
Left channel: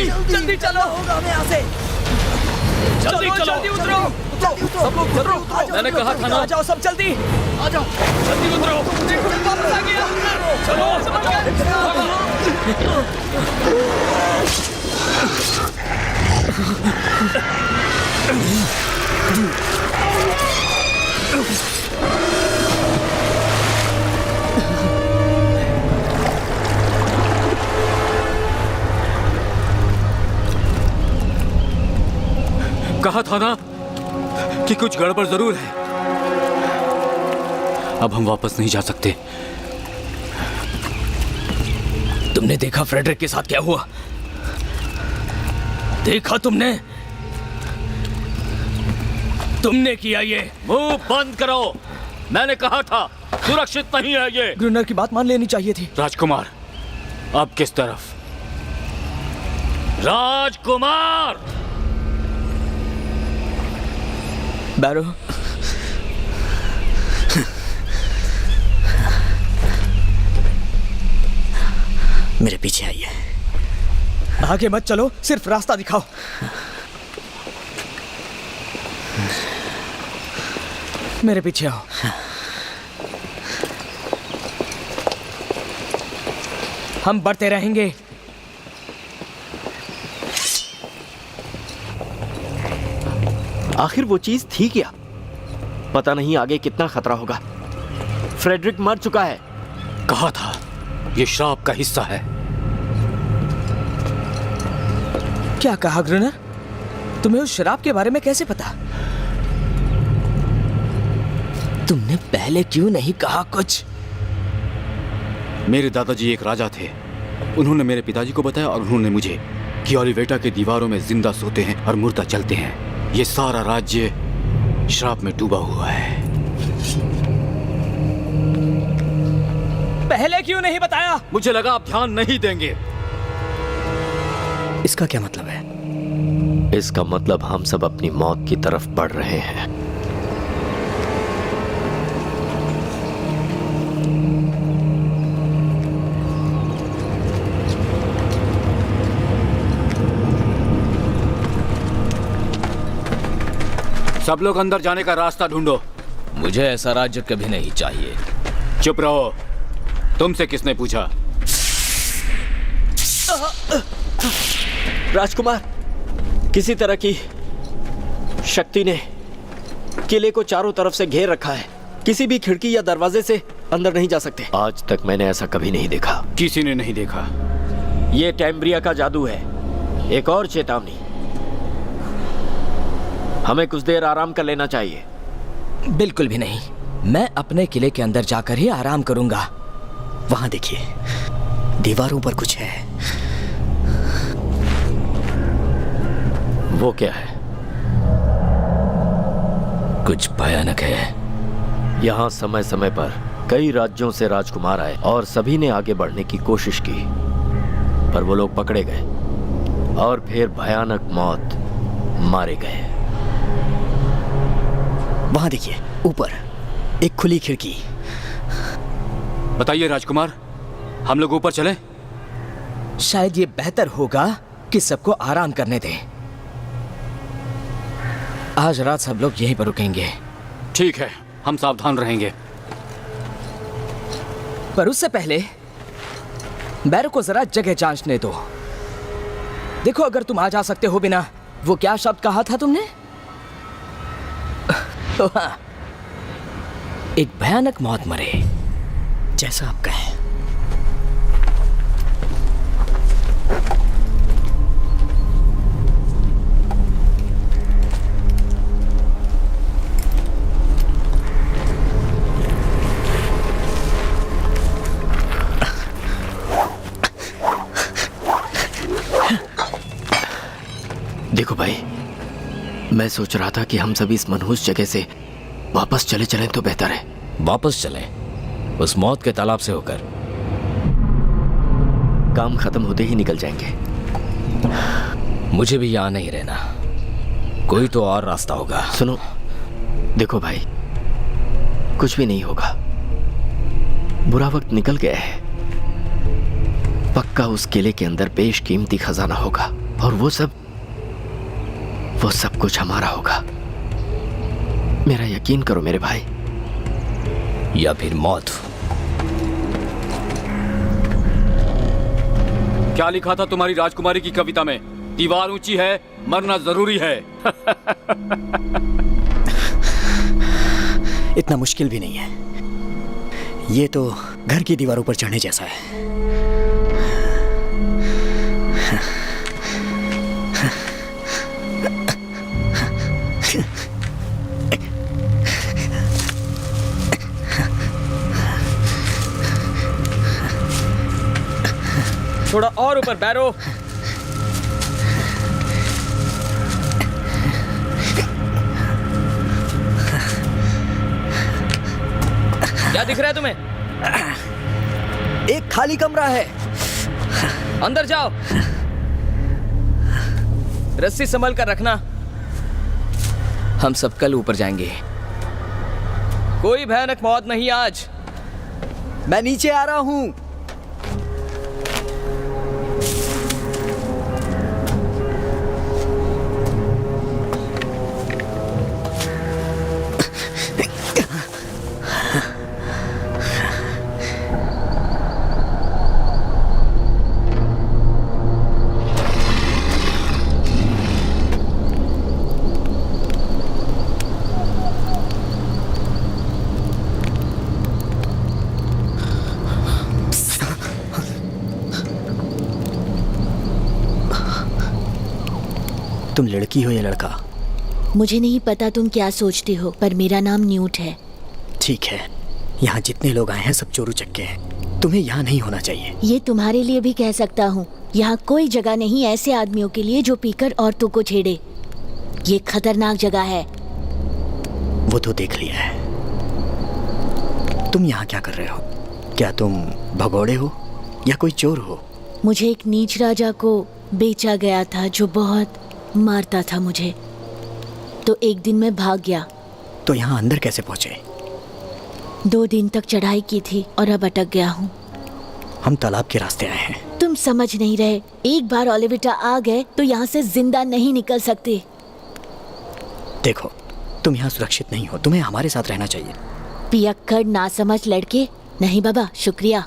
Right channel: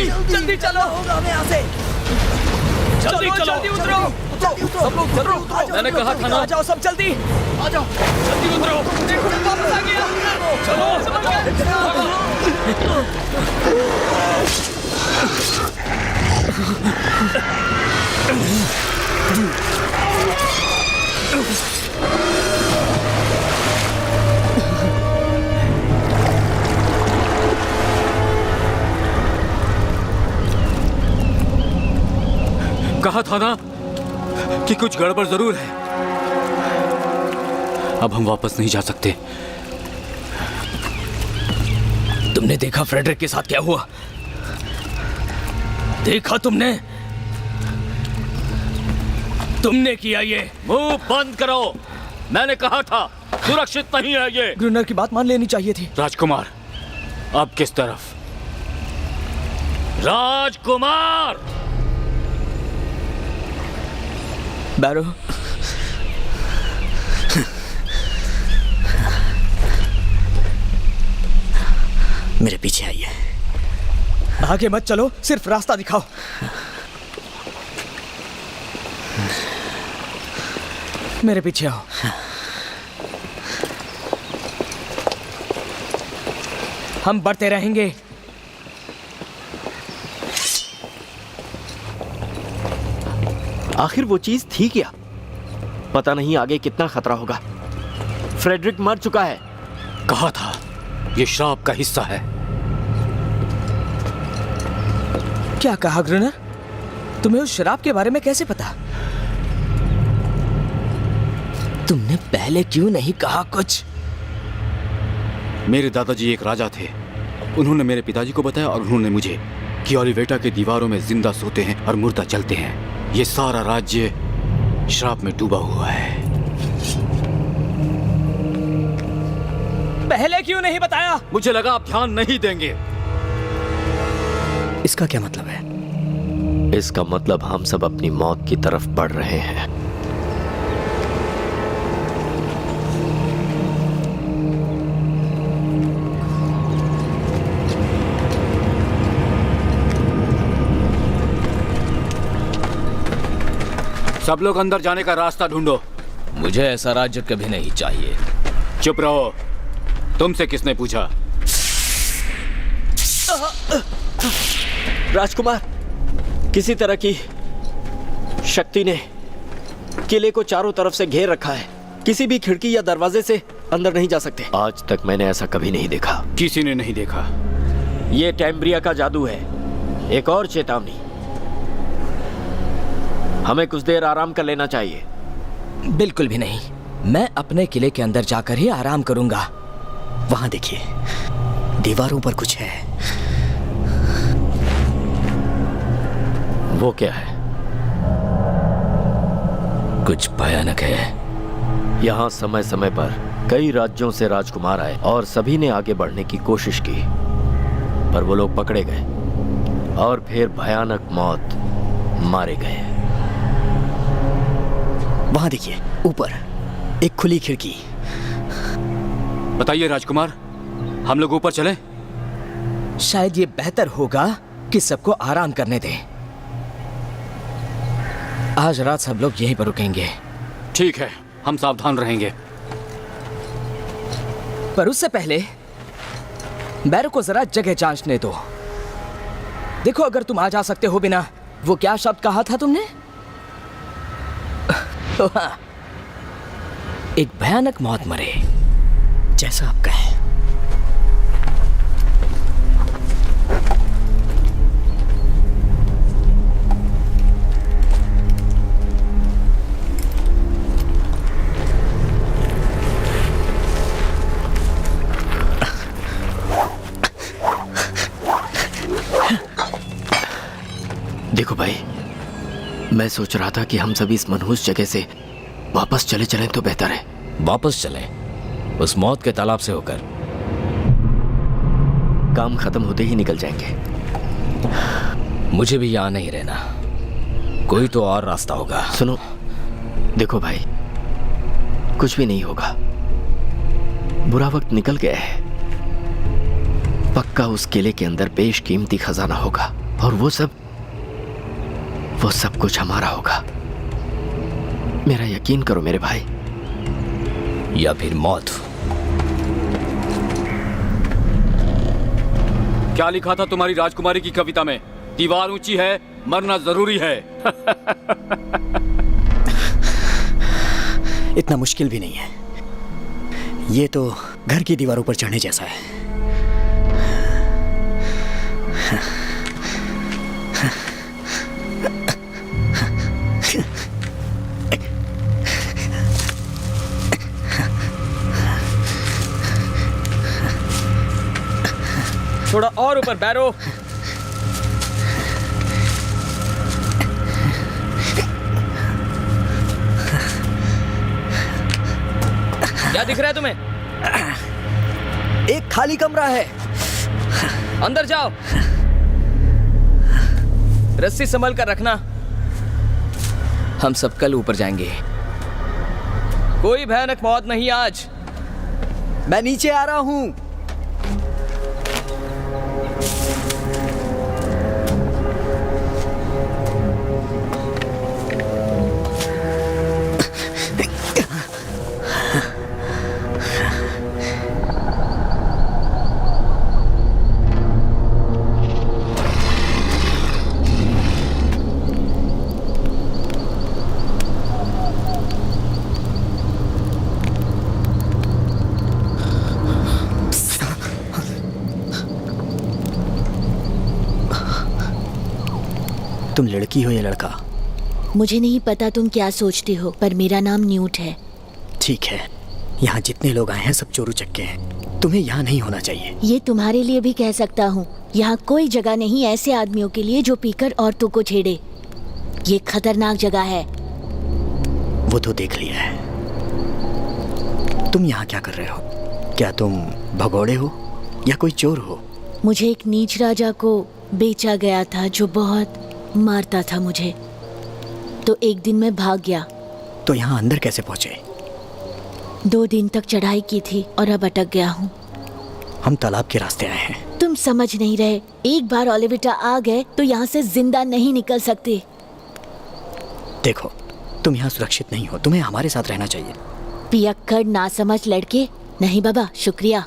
जल्दी चलो, होगा हमें यहाँ से। जल्दी चलो, जल्दी उतरो, सब लोग उतरो। मैंने कहा था ना। आ जाओ सब जल्दी, आ जाओ, जल्दी उतरो। वापस आ गया। चलो, कहा था ना कि कुछ गड़बड़ जरूर है। अब हम वापस नहीं जा सकते। तुमने देखा फ्रेडरिक के साथ क्या हुआ? देखा तुमने? तुमने किया ये। मुंह बंद करो, मैंने कहा था सुरक्षित नहीं है ये। ग्रुनर की बात मान लेनी चाहिए थी। राजकुमार, अब किस तरफ? राजकुमार! बैरो, मेरे पीछे आइए। आगे मत चलो, सिर्फ रास्ता दिखाओ। मेरे पीछे आओ। हम बढ़ते रहेंगे। आखिर वो चीज थी क्या? पता नहीं आगे कितना खतरा होगा। फ्रेडरिक मर चुका है। कहा था ये श्राप का हिस्सा है। क्या कहा ग्रुनर? तुम्हें उस शराब के बारे में कैसे पता? तुमने पहले क्यों नहीं कहा कुछ? मेरे दादाजी एक राजा थे। उन्होंने मेरे पिताजी को बताया और उन्होंने मुझे कि ओलिवेटा के दीवारों में जिंदा सोते हैं और मुर्दा चलते हैं। ये सारा राज्य श्राप में डूबा हुआ है। पहले क्यों नहीं बताया? मुझे लगा आप ध्यान नहीं देंगे। इसका क्या मतलब है? इसका मतलब हम सब अपनी मौत की तरफ बढ़ रहे हैं। सब लोग अंदर जाने का रास्ता ढूंढो। मुझे ऐसा राज्य कभी नहीं चाहिए। चुप रहो। तुमसे किसने पूछा? राजकुमार, किसी तरह की शक्ति ने किले को चारों तरफ से घेर रखा है। किसी भी खिड़की या दरवाजे से अंदर नहीं जा सकते। आज तक मैंने ऐसा कभी नहीं देखा। किसी ने नहीं देखा। ये टैम्ब्रिया का जादू है। एक और चेतावनी, हमें कुछ देर आराम कर लेना चाहिए। बिल्कुल भी नहीं। मैं अपने किले के अंदर जाकर ही आराम करूंगा। वहां देखिए, दीवारों पर कुछ है। वो क्या है? कुछ भयानक है। यहाँ समय समय पर कई राज्यों से राजकुमार आए और सभी ने आगे बढ़ने की कोशिश की, पर वो लोग पकड़े गए और फिर भयानक मौत मारे गए। वहां देखिए, ऊपर एक खुली खिड़की। बताइए राजकुमार, हम लोग ऊपर चलें? शायद ये बेहतर होगा कि सबको आराम करने दें। आज रात सब लोग यहीं पर रुकेंगे। ठीक है, हम सावधान रहेंगे। पर उससे पहले बैरो को जरा जगह जांचने दो। देखो, अगर तुम आ जा सकते हो बिना, वो क्या शब्द कहा था तुमने? तो हाँ, एक भयानक मौत मरे। जैसा आप कहें। देखो भाई, मैं सोच रहा था कि हम सभी इस मनहूस जगह से वापस चले चलें तो बेहतर है। वापस चलें? उस मौत के तालाब से होकर? काम खत्म होते ही निकल जाएंगे। मुझे भी यहाँ नहीं रहना। कोई तो और रास्ता होगा। सुनो, देखो भाई, कुछ भी नहीं होगा। बुरा वक्त निकल गया है। पक्का उस किले के अंदर बेशकीमती खजाना होगा। और वो सब कुछ हमारा होगा। मेरा यकीन करो मेरे भाई। या फिर मौत। क्या लिखा था तुम्हारी राजकुमारी की कविता में? दीवार ऊंची है, मरना जरूरी है। इतना मुश्किल भी नहीं है, ये तो घर की दीवारों पर चढ़ने जैसा है। थोड़ा और ऊपर बैरो। क्या दिख रहा है तुम्हें? एक खाली कमरा है। अंदर जाओ। रस्सी संभल कर रखना, हम सब कल ऊपर जाएंगे। कोई भयानक मौत नहीं आज। मैं नीचे आ रहा हूं। तुम लड़की हो या लड़का? मुझे नहीं पता तुम क्या सोचते हो, पर मेरा नाम न्यूट है। ठीक है, यहाँ जितने लोग आए हैं सब चोरू चक्के हैं। तुम्हें यहाँ नहीं होना चाहिए। ये तुम्हारे लिए भी कह सकता हूँ। यहाँ कोई जगह नहीं ऐसे आदमियों के लिए जो पीकर औरतों को छेड़े। ये खतरनाक जगह है। वो तो देख लिया है। तुम यहाँ क्या कर रहे हो? क्या तुम भगोड़े हो या कोई चोर हो? मुझे एक नीच राजा को बेचा गया था जो बहुत मारता था मुझे, तो एक दिन मैं भाग गया। तो यहाँ अंदर कैसे पहुँचे? 2 दिन तक चढ़ाई की थी और अब अटक गया हूँ। हम तालाब के रास्ते आए हैं। तुम समझ नहीं रहे। एक बार ओलिविटा आ गए तो यहाँ से जिंदा नहीं निकल सकते। देखो, तुम यहाँ सुरक्षित नहीं हो, तुम्हें हमारे साथ रहना चाहिए। पियक्कड़ नासमझ लड़के। नहीं बाबा, शुक्रिया।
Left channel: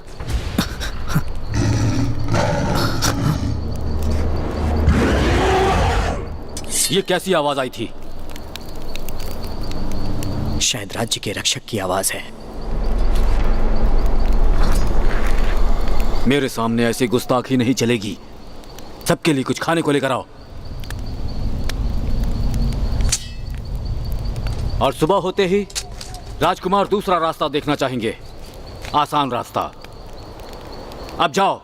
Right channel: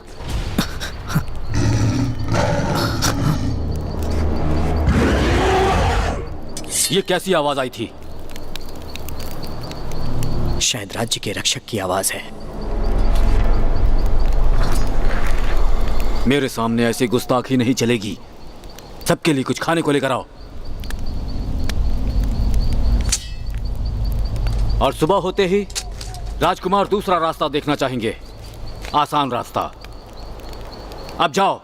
ये कैसी आवाज आई थी? शायद राज्य के रक्षक की आवाज है। मेरे सामने ऐसी गुस्ताखी नहीं चलेगी। सबके लिए कुछ खाने को लेकर आओ। और सुबह होते ही राजकुमार दूसरा रास्ता देखना चाहेंगे, आसान रास्ता। अब जाओ।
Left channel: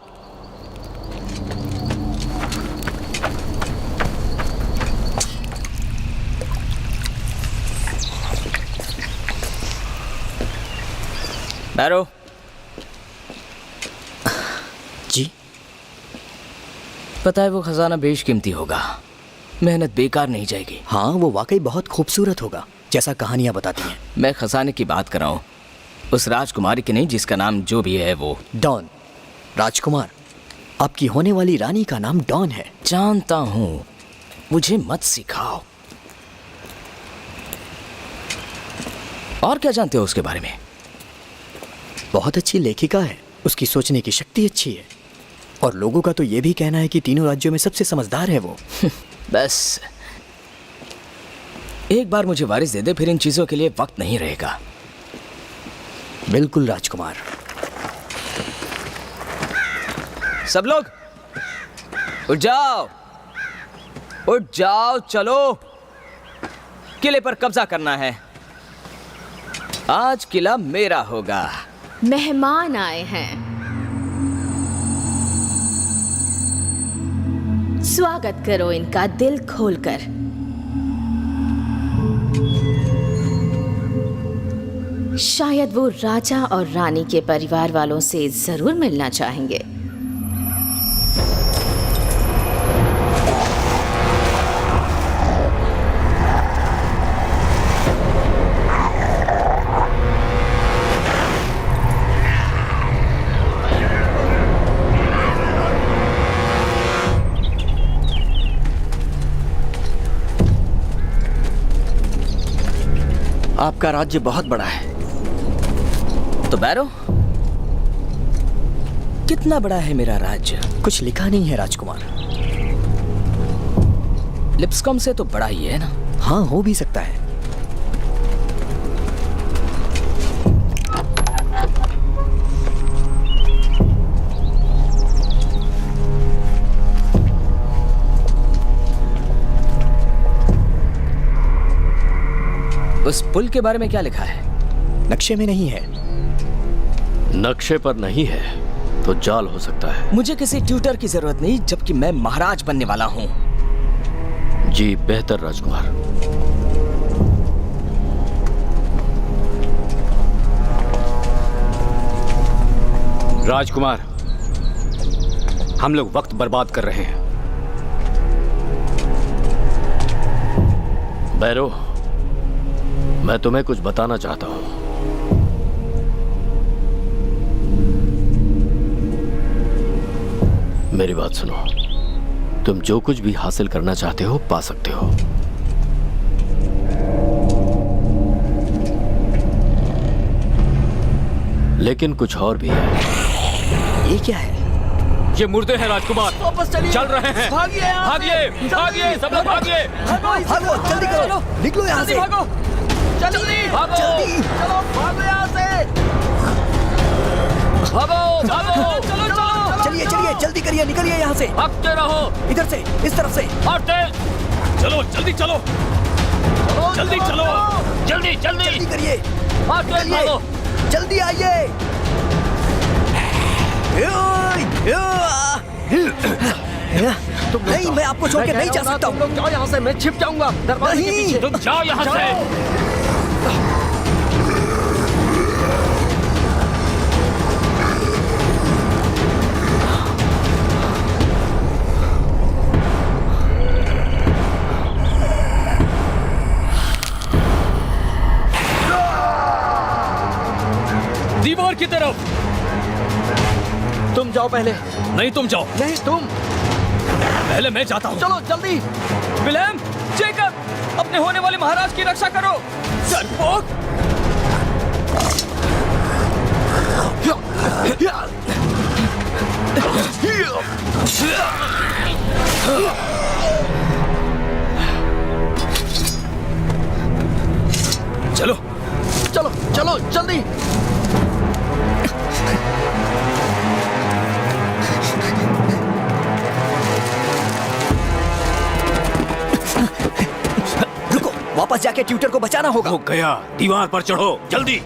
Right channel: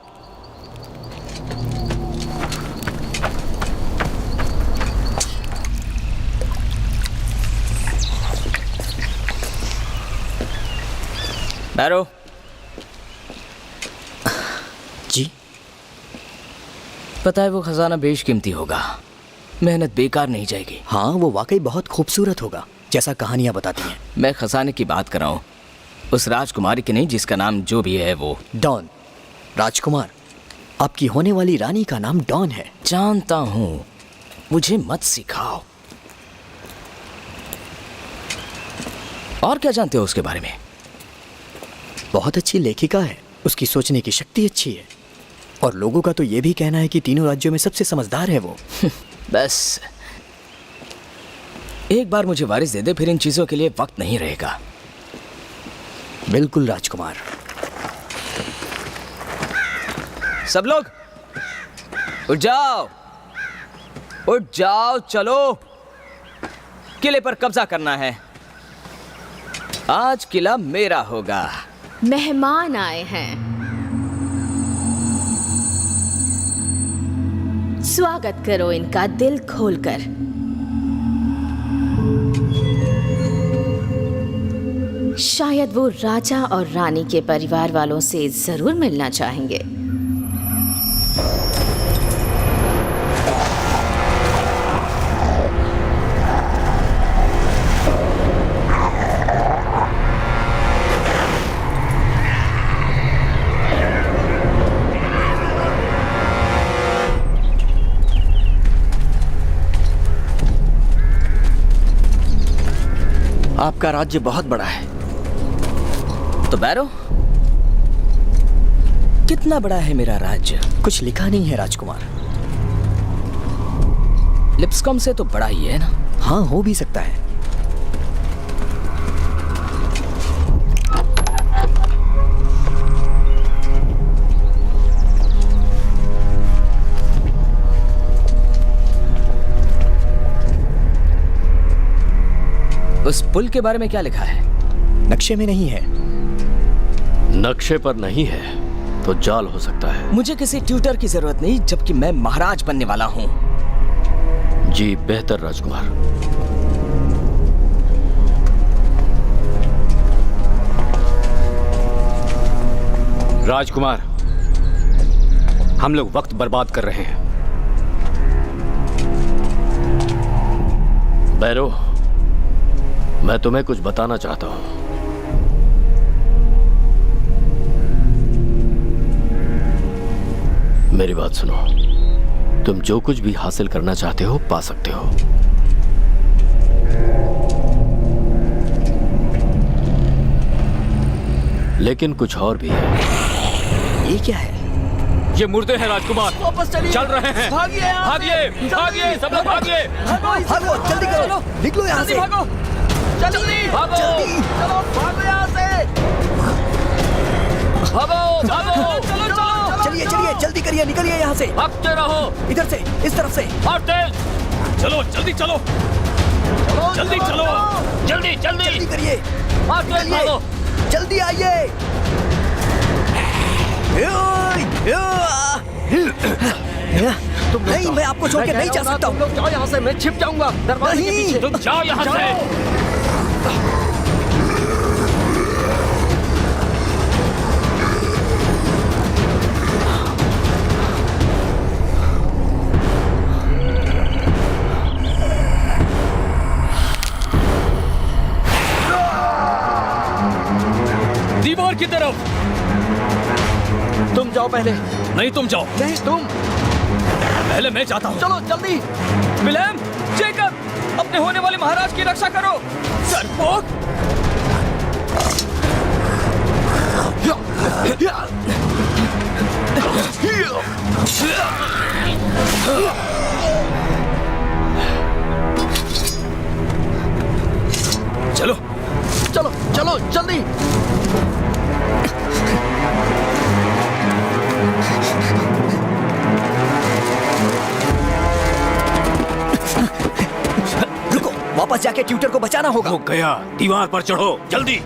बैरो। जी? पता है वो खजाना बेशकीमती होगा। मेहनत बेकार नहीं जाएगी। हाँ, वो वाकई बहुत खूबसूरत होगा, जैसा कहानियां बताती हैं। मैं खजाने की बात कर रहा हूँ, उस राजकुमारी की नहीं जिसका नाम जो भी है वो। डॉन। राजकुमार, आपकी होने वाली रानी का नाम डॉन है। जानता हूँ, मुझे मत सिखाओ। और क्या जानते हो उसके बारे में? बहुत अच्छी लेखिका है, उसकी सोचने की शक्ति अच्छी है, और लोगों का तो ये भी कहना है कि तीनों राज्यों में सबसे समझदार है वो। बस एक बार मुझे वारिस दे दे, फिर इन चीजों के लिए वक्त नहीं रहेगा। बिल्कुल राजकुमार। सब लोग उठ जाओ, उठ जाओ, चलो। किले पर कब्जा करना है। आज किला मेरा होगा। मेहमान आए हैं, स्वागत करो इनका दिल खोलकर। शायद वो राजा और रानी के परिवार वालों से जरूर मिलना चाहेंगे। आपका राज्य बहुत बड़ा है। तो बैरो, कितना बड़ा है मेरा राज्य? कुछ लिखा नहीं है राजकुमार। लिप्सकॉम से तो बड़ा ही है ना? हाँ, हो भी सकता है। उस पुल के बारे में क्या लिखा है? नक्शे में नहीं है। नक्शे पर नहीं है तो जाल हो सकता है। मुझे किसी ट्यूटर की जरूरत नहीं, जबकि मैं महाराज बनने वाला हूँ। जी बेहतर राजकुमार। राजकुमार, हम लोग वक्त बर्बाद कर रहे हैं। बैरो, मैं तुम्हें कुछ बताना चाहता हूं। मेरी बात सुनो। तुम जो कुछ भी हासिल करना चाहते हो पा सकते हो, लेकिन कुछ और भी है। ये क्या है? ये मुर्दे हैं राजकुमार। वापस चलिए। चल रहे हैं। भागिए यहाँ से। भागिए, भागिए, सब लोग भागिए। भागो, जल्दी करो, निकलो यहाँ से। भागो, जल्दी भागो। जल्दी। चलो, भागो यहाँ से। भागो, भागो। चलो, चलो। चलिए चलिए, जल्दी करिए, निकलिए यहाँ से। भागते रहो। इधर से, इस तरफ से। और तेज। चलो, जल्दी चलो। जल्दी चलो। जल्दी, जल्दी जल्दी। करिए, और तेज निकलिए, भागो। जल्दी आइए। नहीं, मैं आपको छोड़ के नहीं जा सकता हूँ। तुम लोग जाओ यहाँ से, मैं छिप जाऊंगा दरवाजे के नहीं। पीछे। तुम जाओ यहाँ से। दीवार की तरफ। तुम जाओ पहले। नहीं, तुम जाओ। नहीं, तुम। पहले मैं जाता हूँ। चलो जल्दी। विलेम, जेकब, अपने होने वाले महाराज की रक्षा करो। डरपोक। चलो, चलो चलो जल्दी। रुको, वापस जाके ट्यूटर को बचाना होगा। हो गया। दीवार पर चढ़ो, जल्दी।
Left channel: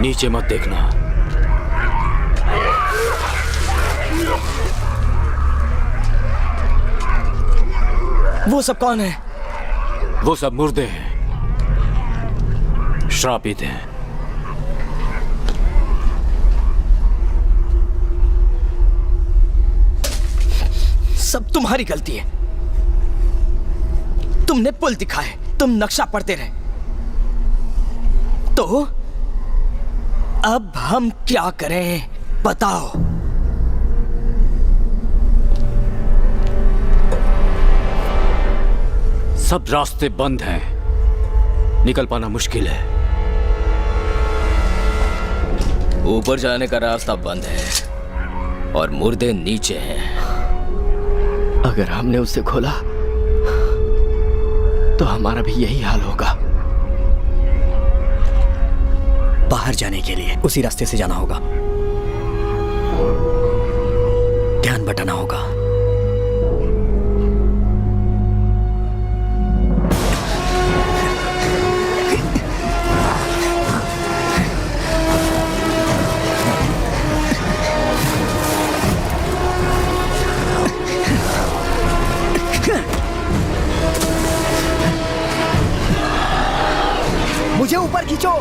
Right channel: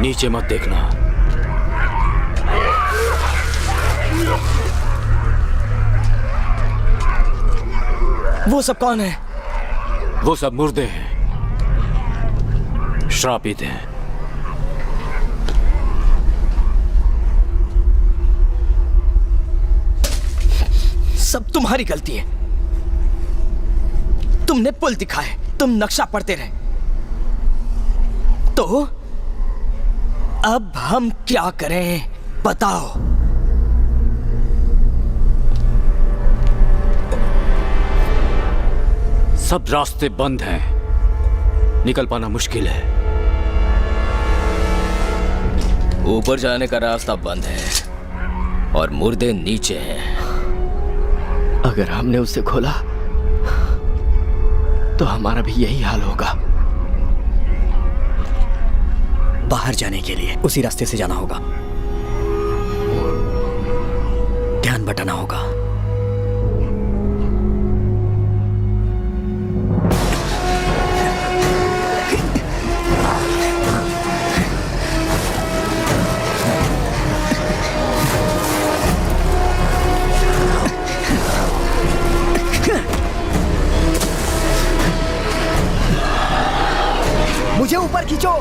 नीचे मत देखना। वो सब कौन है? वो सब मुर्दे हैं, श्रापित हैं। सब तुम्हारी गलती है। तुमने पुल दिखाए, तुम नक्शा पढ़ते रहे। तो अब हम क्या करें, बताओ। सब रास्ते बंद हैं, निकल पाना मुश्किल है। ऊपर जाने का रास्ता बंद है और मुर्दे नीचे हैं। अगर हमने उसे खोला तो हमारा भी यही हाल होगा। बाहर जाने के लिए उसी रास्ते से जाना होगा। ध्यान बटाना होगा। मुझे ऊपर खींचो,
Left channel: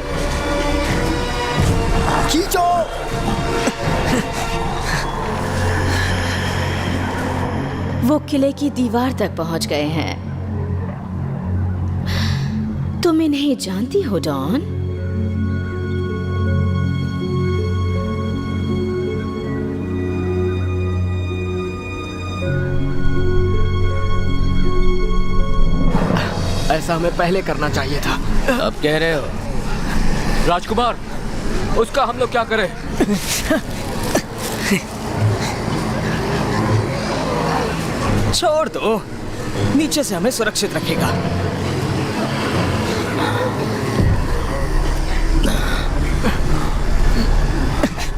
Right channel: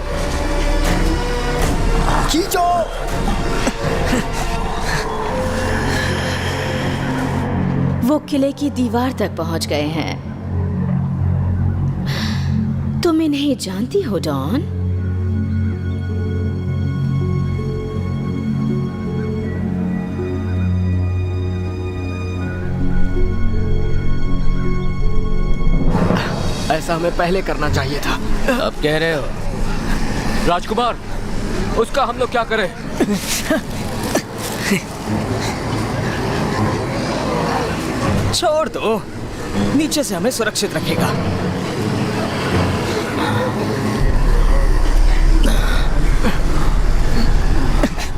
खींचो। वो किले की दीवार तक पहुंच गए हैं। तुम इन्हें जानती हो डॉन? ऐसा हमें पहले करना चाहिए था। अब कह रहे हो? राजकुमार, उसका हम लोग क्या करें? छोड़ दो, नीचे से हमें सुरक्षित रखेगा।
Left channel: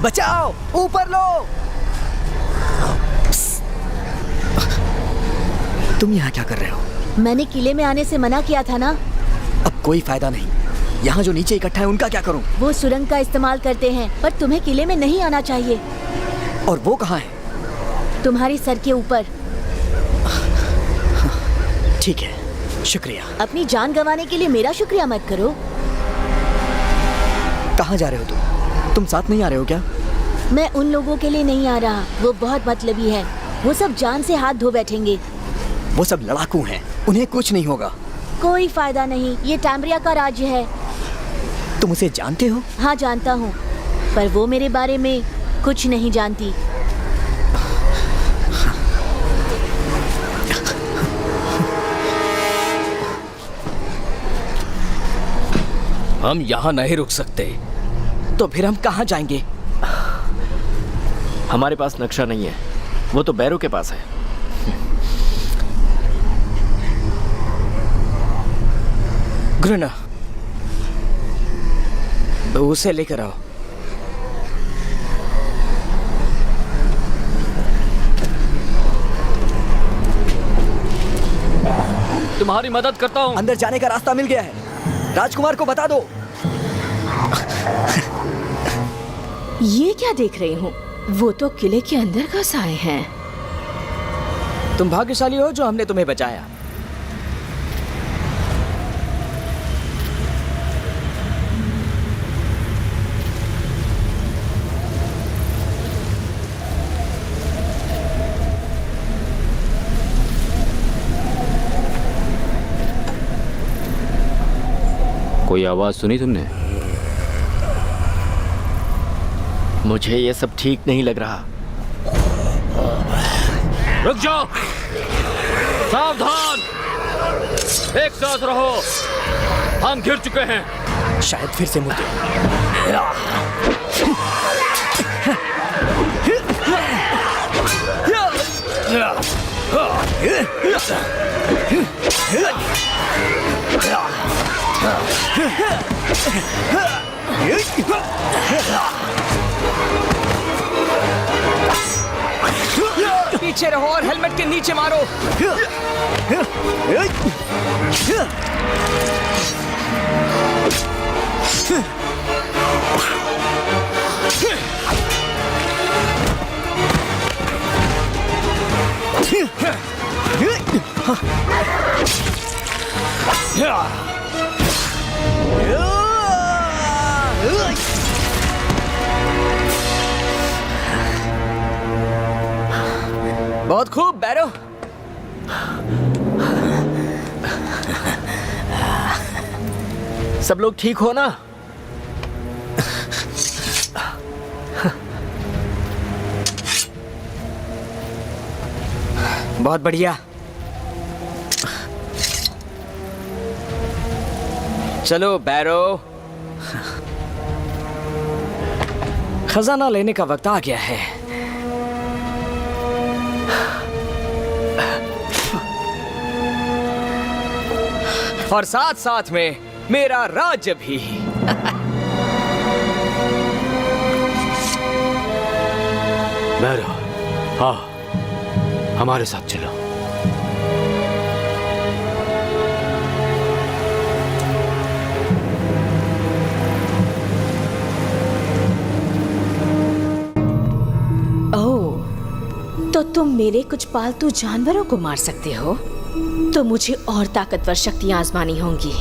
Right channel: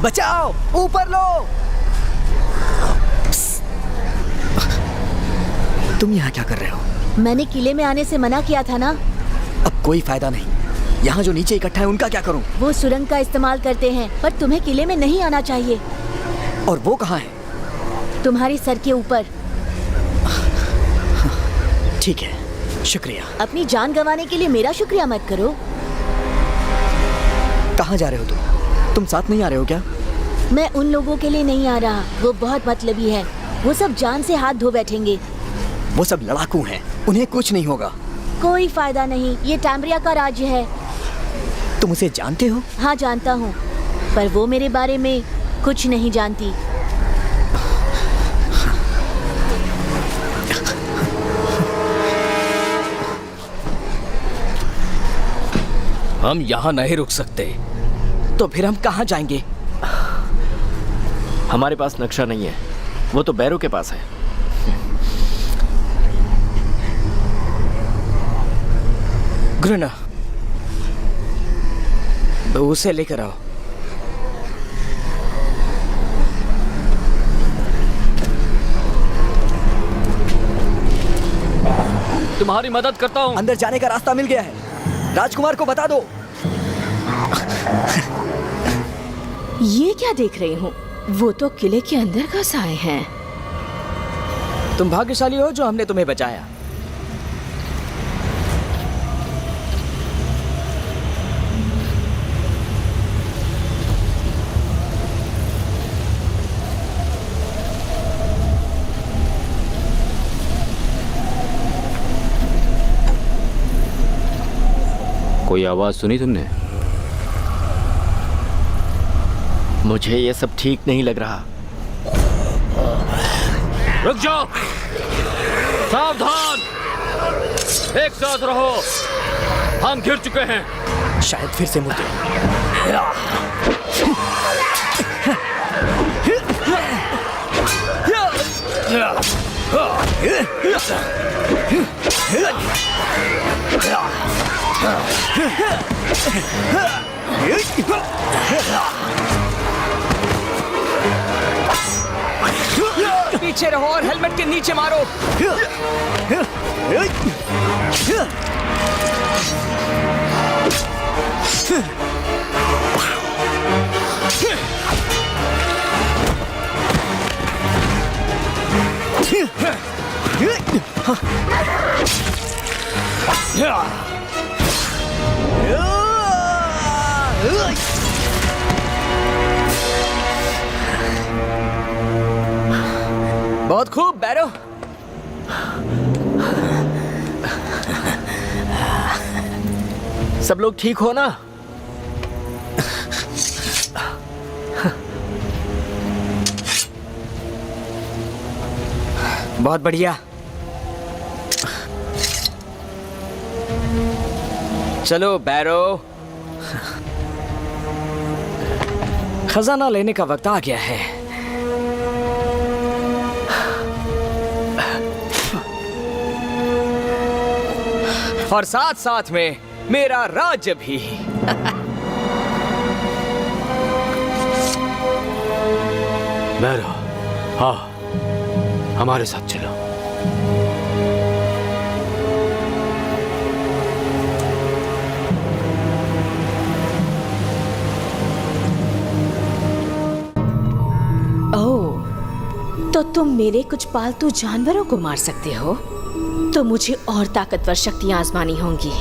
बचाओ, ऊपर लो। तुम यहाँ क्या कर रहे हो? मैंने किले में आने से मना किया था ना। अब कोई फायदा नहीं। यहाँ जो नीचे इकट्ठा है उनका क्या करूँ? वो सुरंग का इस्तेमाल करते हैं, पर तुम्हें किले में नहीं आना चाहिए। और वो कहाँ है? तुम्हारे सर के ऊपर। ठीक है, शुक्रिया। अपनी जान गंवाने के लिए मेरा शुक्रिया मत करो। कहाँ जा रहे हो तुम साथ नहीं आ रहे हो क्या? मैं उन लोगों के लिए नहीं आ रहा, वो बहुत मतलबी है। वो सब जान से हाथ धो बैठेंगे। वो सब लड़ाकू हैं, उन्हें कुछ नहीं होगा। कोई फायदा नहीं, ये टैम्ब्रिया का राज्य है। तुम उसे जानते हो? हाँ जानता हूँ, पर वो मेरे बारे में कुछ नहीं जानती। हम यहाँ नहीं रुक सकते, तो फिर हम कहाँ जाएंगे? हमारे पास नक्शा नहीं है, वो तो बैरो के पास है। ग्रुना, उसे लेकर आओ। तुम्हारी मदद करता हूँ। अंदर जाने का रास्ता मिल गया है, राजकुमार को बता दो। ये क्या देख रही हूँ? वो तो किले के अंदर घुस आए हैं। तुम भाग्यशाली हो जो हमने तुम्हें बचाया। कोई आवाज सुनी तुमने? मुझे ये सब ठीक नहीं लग रहा। रुक जाओ, सावधान, एक साथ रहो, हम घिर चुके हैं। शायद फिर से मुद्दे। पीछे रहो और हेलमेट के नीचे मारो। बहुत खूब बैरो। सब लोग ठीक हो ना? बहुत बढ़िया। चलो बैरो, खजाना लेने का वक्त आ गया है। और साथ साथ में मेरा राज्य भी। बैरो, हाँ, हमारे साथ चलो। ओह, तो तुम मेरे कुछ पालतू जानवरों को मार सकते हो? तो मुझे और ताकतवर शक्तियां आजमानी होंगी।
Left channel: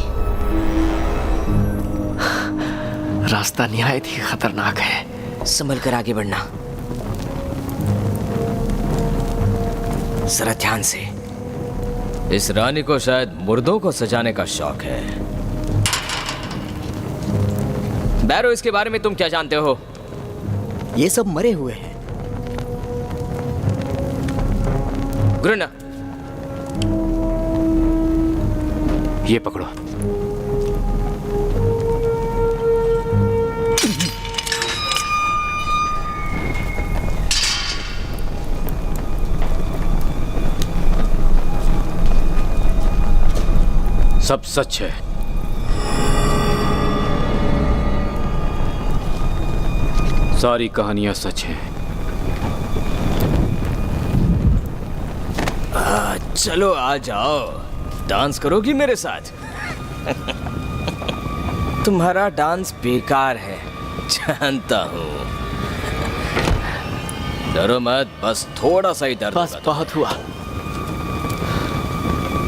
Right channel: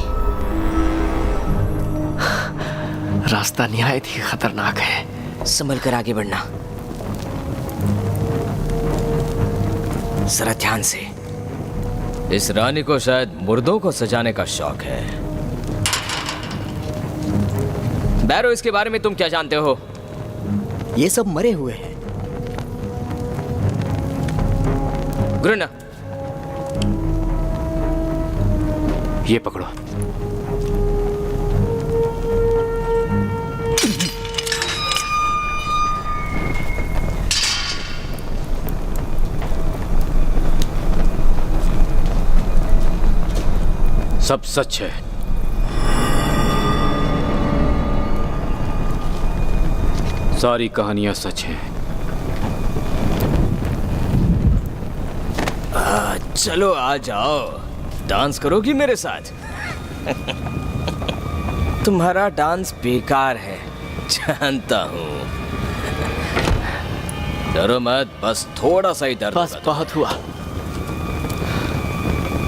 रास्ता निहायत ही खतरनाक है। संभल कर आगे बढ़ना, जरा ध्यान से। इस रानी को शायद मुर्दों को सजाने का शौक है। बैरो, इसके बारे में तुम क्या जानते हो? ये सब मरे हुए हैं। गुरुना, ये पकड़ो। सब सच है। सारी कहानियां सच हैं। चलो आ जाओ, डांस करोगी मेरे साथ? तुम्हारा डांस बेकार है, जानता हूँ। डरो मत, बस थोड़ा सा ही दर्द बस होगा। बहुत हुआ।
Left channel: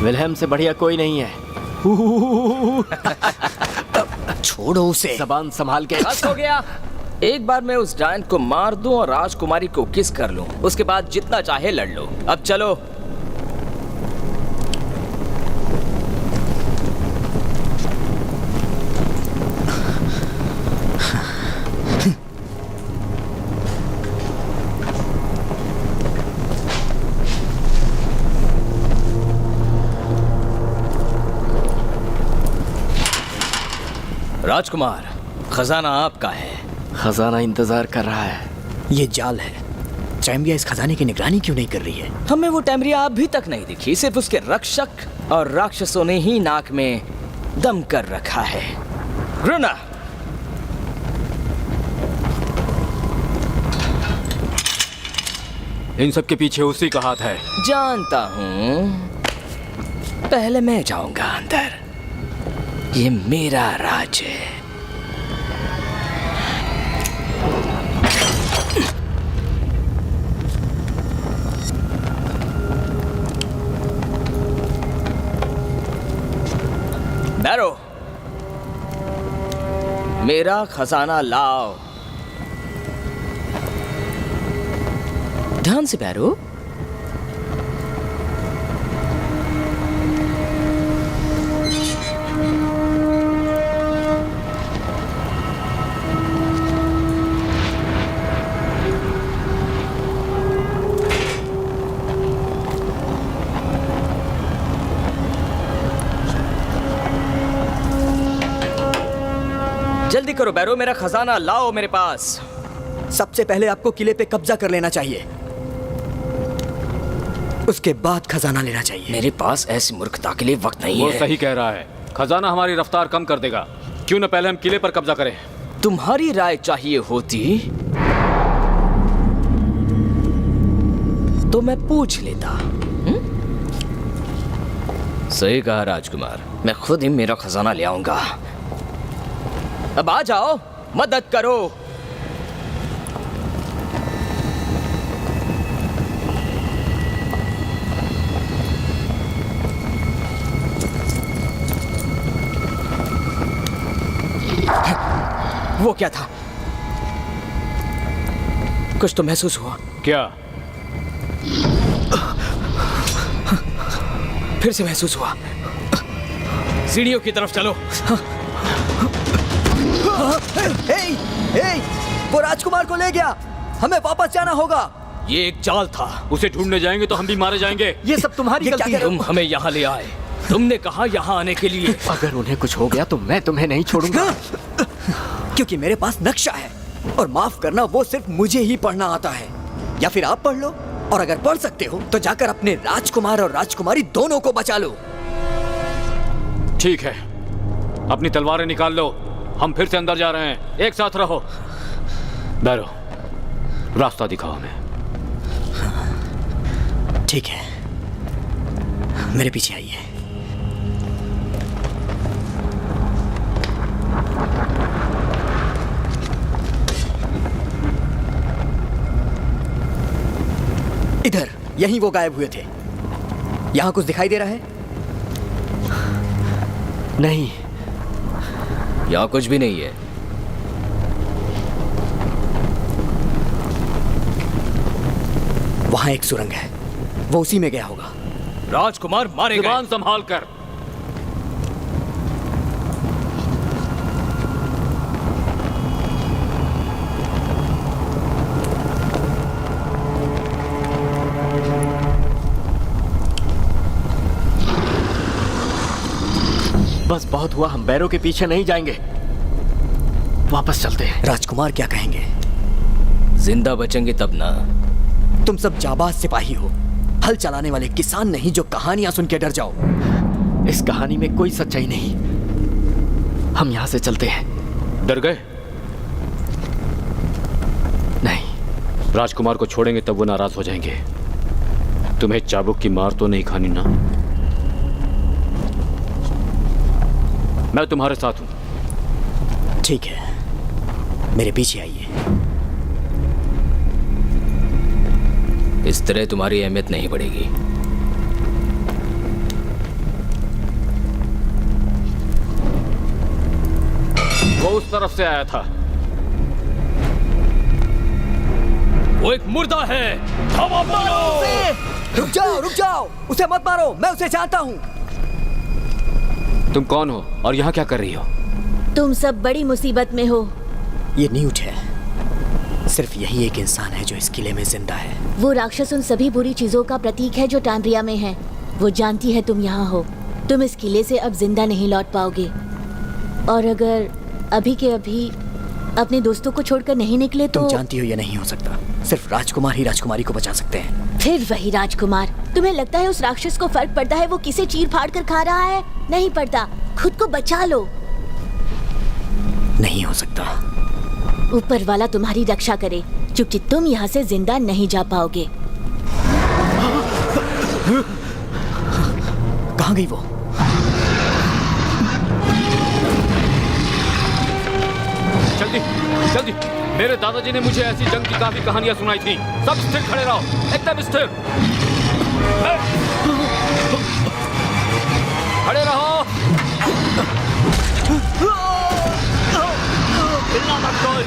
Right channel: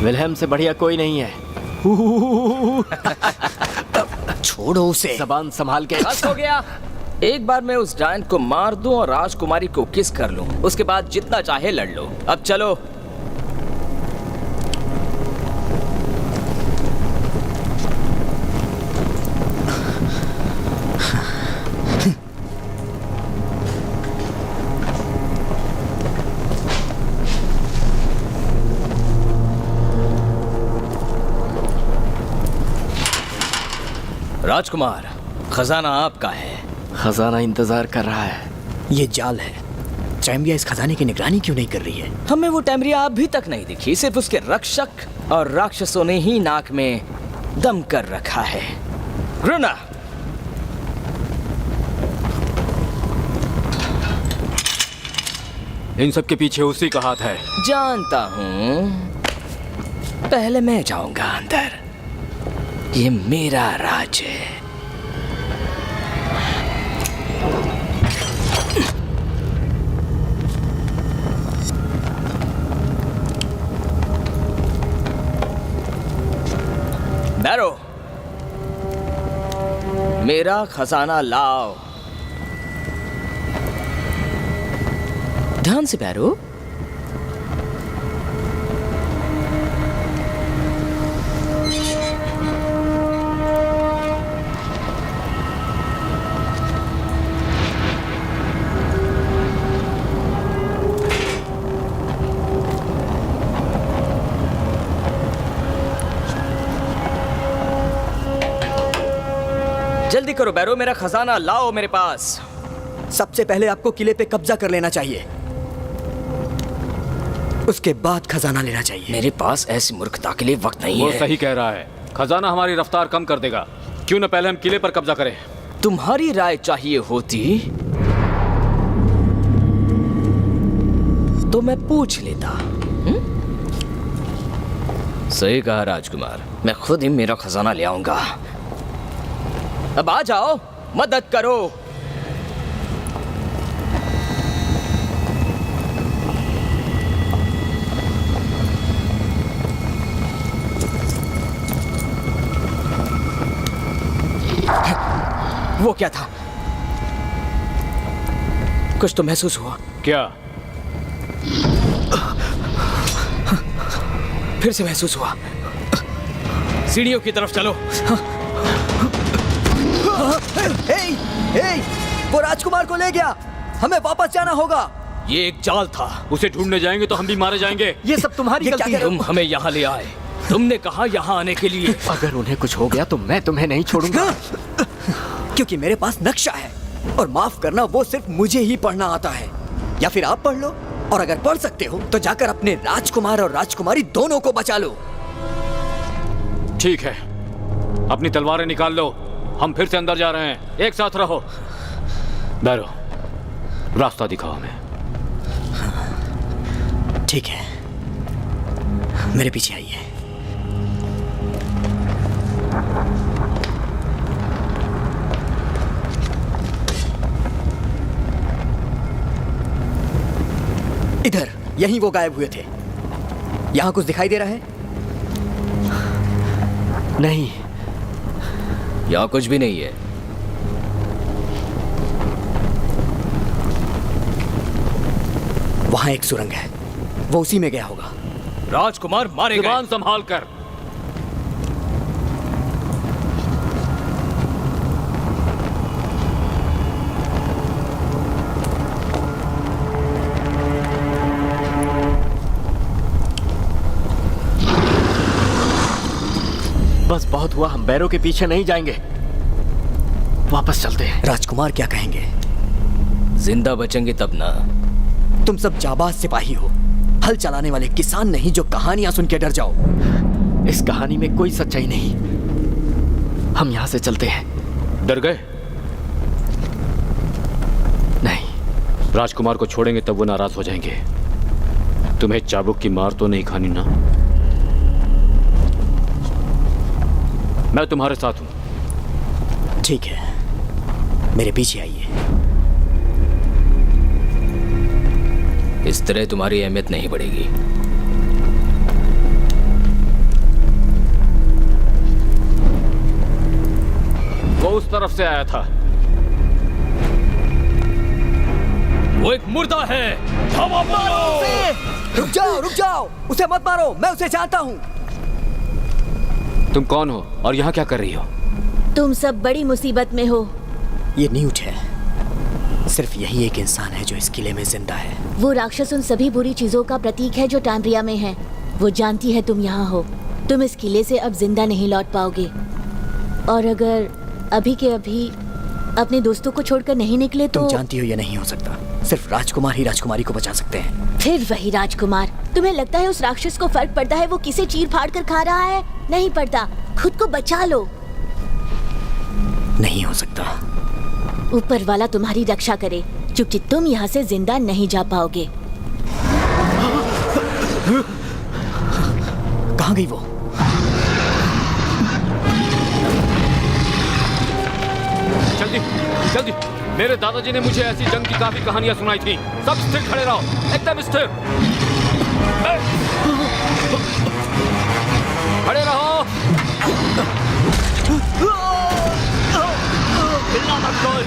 विल्हेम से बढ़िया कोई नहीं है। छोड़ो उसे। जबान संभाल के। बस हो गया। एक बार मैं उस डायन को मार दूं और राजकुमारी को किस कर लूं, उसके बाद जितना चाहे लड़ लो। अब चलो। राजकुमार, खजाना आपका है। खजाना इंतजार कर रहा है। ये जाल है। टैम्ब्रिया इस खजाने की निगरानी क्यों नहीं कर रही है? हमें वो टैम्ब्रिया अभी तक नहीं दिखी, सिर्फ उसके रक्षक और राक्षसों ने ही नाक में दम कर रखा है। ग्रुना, इन सब के पीछे उसी का हाथ है। जानता हूं। पहले मैं जाऊंगा अंदर। ये मेरा राज है। बैरो, मेरा खजाना लाओ। ध्यान से बैरो। जल्दी करो बैरो, मेरा खजाना लाओ मेरे पास। सबसे पहले आपको किले पे कब्जा कर लेना चाहिए, उसके बाद खजाना लेना चाहिए। मेरे पास ऐसी मूर्खता के लिए वक्त नहीं वो है। सही कह रहा है। खजाना हमारी रफ्तार कम कर देगा। क्यों न पहले हम किले पर कब्जा करें? तुम्हारी राय चाहिए होती तो मैं पूछ लेता। सही कहा राजकुमार, मैं खुद ही मेरा खजाना ले आऊंगा। अब आ जाओ, मदद करो। वो क्या था? कुछ तो महसूस हुआ। क्या? फिर से महसूस हुआ। सीढ़ियों की तरफ चलो। वो राजकुमार को ले गया, हमें वापस जाना होगा। ये एक जाल था। उसे ढूंढने जाएंगे तो हम भी मारे जाएंगे। ये सब तुम्हारी गलती है। तुम हमें यहाँ ले आए, तुमने कहा यहाँ आने के लिए। अगर उन्हें कुछ हो गया तो मैं तुम्हें नहीं छोड़ूंगा। क्योंकि मेरे पास नक्शा है, और माफ करना वो सिर्फ मुझे ही पढ़ना आता है। या फिर आप पढ़ लो, और अगर पढ़ सकते हो तो जाकर अपने राजकुमार और राजकुमारी दोनों को बचा लो। ठीक है, अपनी तलवारें निकाल लो। हम फिर से अंदर जा रहे हैं। एक साथ रहो। बैरो, रास्ता दिखाओ हमें। ठीक है, मेरे पीछे आइए। इधर, यहीं वो गायब हुए थे। यहां कुछ दिखाई दे रहा है? नहीं, यहाँ कुछ भी नहीं है। वहाँ एक सुरंग है, वो उसी में गया होगा। राजकुमार मारे गए। जुबान संभाल कर। बस बहुत हुआ, हम बैरों के पीछे नहीं जाएंगे, वापस चलते हैं। राजकुमार क्या कहेंगे? जिंदा बचेंगे तब ना। तुम सब जाबाज सिपाही हो, हल चलाने वाले किसान नहीं जो कहानियां सुन के डर जाओ। इस कहानी में कोई सच्चाई नहीं, हम यहाँ से चलते हैं। डर गए? नहीं। राजकुमार को छोड़ेंगे तब वो नाराज हो जाएंगे। तुम्हें चाबुक की मार तो नहीं खानी ना? मैं तुम्हारे साथ हूं। ठीक है, मेरे पीछे आइए। इस तरह तुम्हारी अहमियत नहीं बढ़ेगी। वो उस तरफ से आया था। वो एक मुर्दा है। धावा मारो। रुक जाओ, उसे मत मारो, मैं उसे जानता हूँ। तुम कौन हो और यहाँ क्या कर रही हो? तुम सब बड़ी मुसीबत में हो। ये न्यूट है, सिर्फ यही एक इंसान है जो इस किले में जिंदा है। वो राक्षस उन सभी बुरी चीजों का प्रतीक है जो टाइम्ब्रिया में है। वो जानती है तुम यहाँ हो। तुम इस किले से अब जिंदा नहीं लौट पाओगे, और अगर अभी के अभी अपने दोस्तों को छोड़कर नहीं निकले तो तुम जानती हो ये नहीं हो सकता। सिर्फ राजकुमार ही राजकुमारी को बचा सकते हैं। फिर वही राजकुमार। तुम्हें लगता है उस राक्षस को फर्क पड़ता है वो किसे चीर फाड़ कर खा रहा है? नहीं पड़ता। खुद को बचा लो। नहीं हो सकता। ऊपर वाला तुम्हारी रक्षा करे, क्योंकि तुम यहाँ से जिंदा नहीं जा पाओगे। कहाँ गई वो? जल्दी जल्दी, मेरे दादाजी ने मुझे ऐसी जंग की काफी कहानियां सुनाई थी। सब स्थिर खड़े रहो, एकदम स्थिर। खड़े रहो। हिलना मत कोई।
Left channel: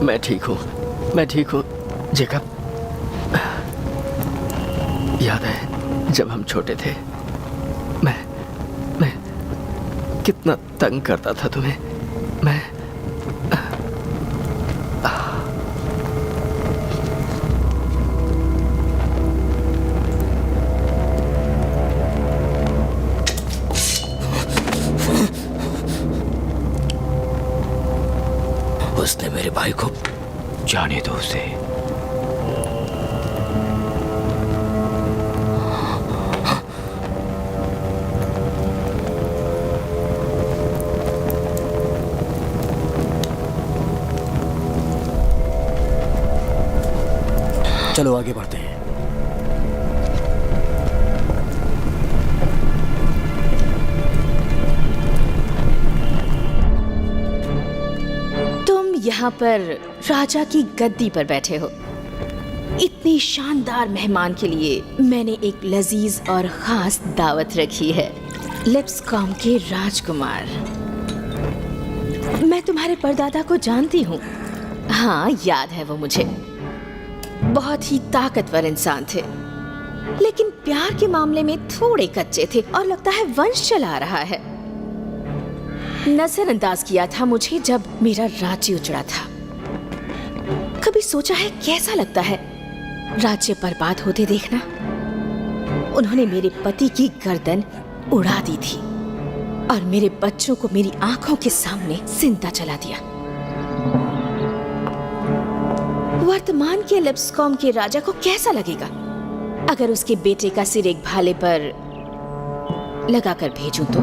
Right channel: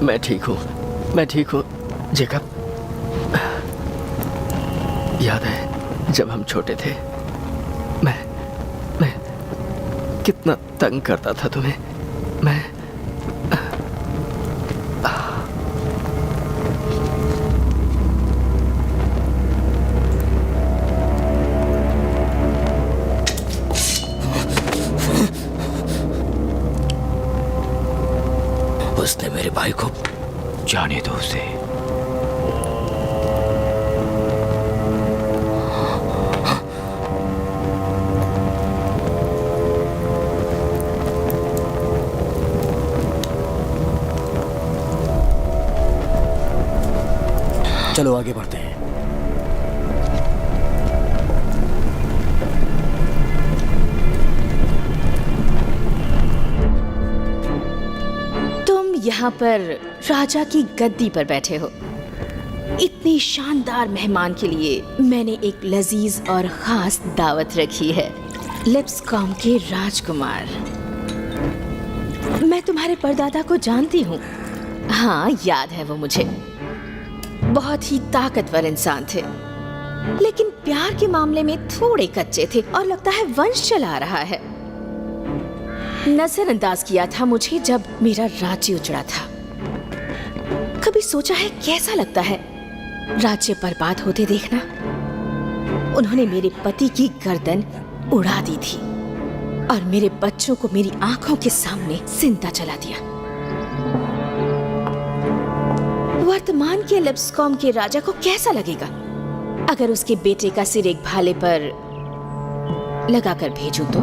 मैं ठीक हूँ, मैं ठीक हूँ जेकब। याद है जब हम छोटे थे, मैं कितना तंग करता था तुम्हें। मैं उसने मेरे भाई को जाने दो उसे। चलो आगे बढ़ते हैं। तुम यहाँ पर राजा की गद्दी पर बैठे हो। इतनी शानदार मेहमान के लिए मैंने एक लजीज और खास दावत रखी है। लिप्सकॉम के राजकुमार, मैं तुम्हारे परदादा को जानती हूँ। हाँ, याद है वो मुझे। बहुत ही ताकतवर इंसान थे, लेकिन प्यार के मामले में थोड़े कच्चे थे और लगता है वंश चला रहा है। नजरअंदाज किया था मुझे जब मेरा राज्य उजड़ा था। कभी सोचा है कैसा लगता है राज्य बर्बाद होते देखना? उन्होंने मेरे पति की गर्दन उड़ा दी थी और मेरे बच्चों को मेरी आंखों के सामने जिंदा जला दिया। वर्तमान के लिप्सकॉम के राजा को कैसा लगेगा अगर उसके बेटे का सिर एक भाले पर लगाकर भेजूं तो?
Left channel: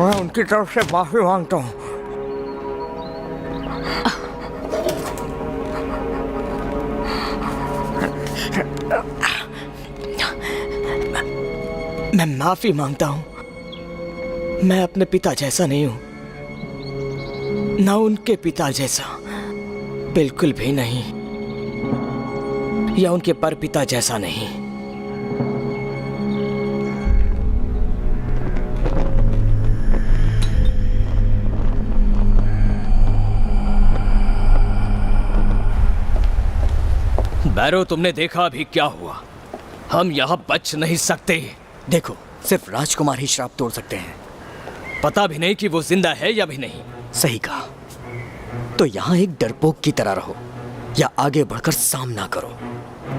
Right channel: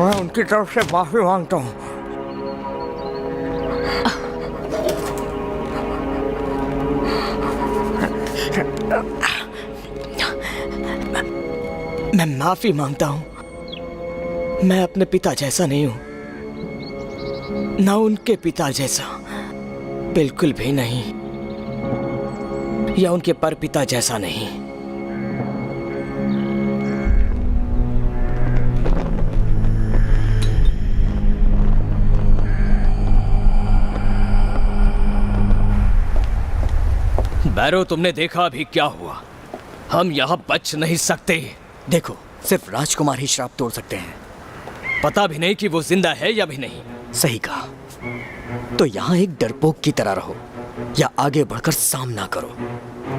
मैं उनकी तरफ से माफी मांगता हूँ। मैं माफी मांगता हूँ। मैं अपने पिता जैसा नहीं हूं, ना उनके पिता जैसा, बिल्कुल भी नहीं, या उनके परपिता जैसा नहीं। बैरो, तुमने देखा अभी क्या हुआ। हम यहां बच नहीं सकते। देखो, सिर्फ राजकुमार ही श्राप तोड़ सकते हैं। पता भी नहीं कि वो जिंदा है या भी नहीं। सही कहा। तो यहाँ एक डरपोक की तरह रहो या आगे बढ़कर सामना करो,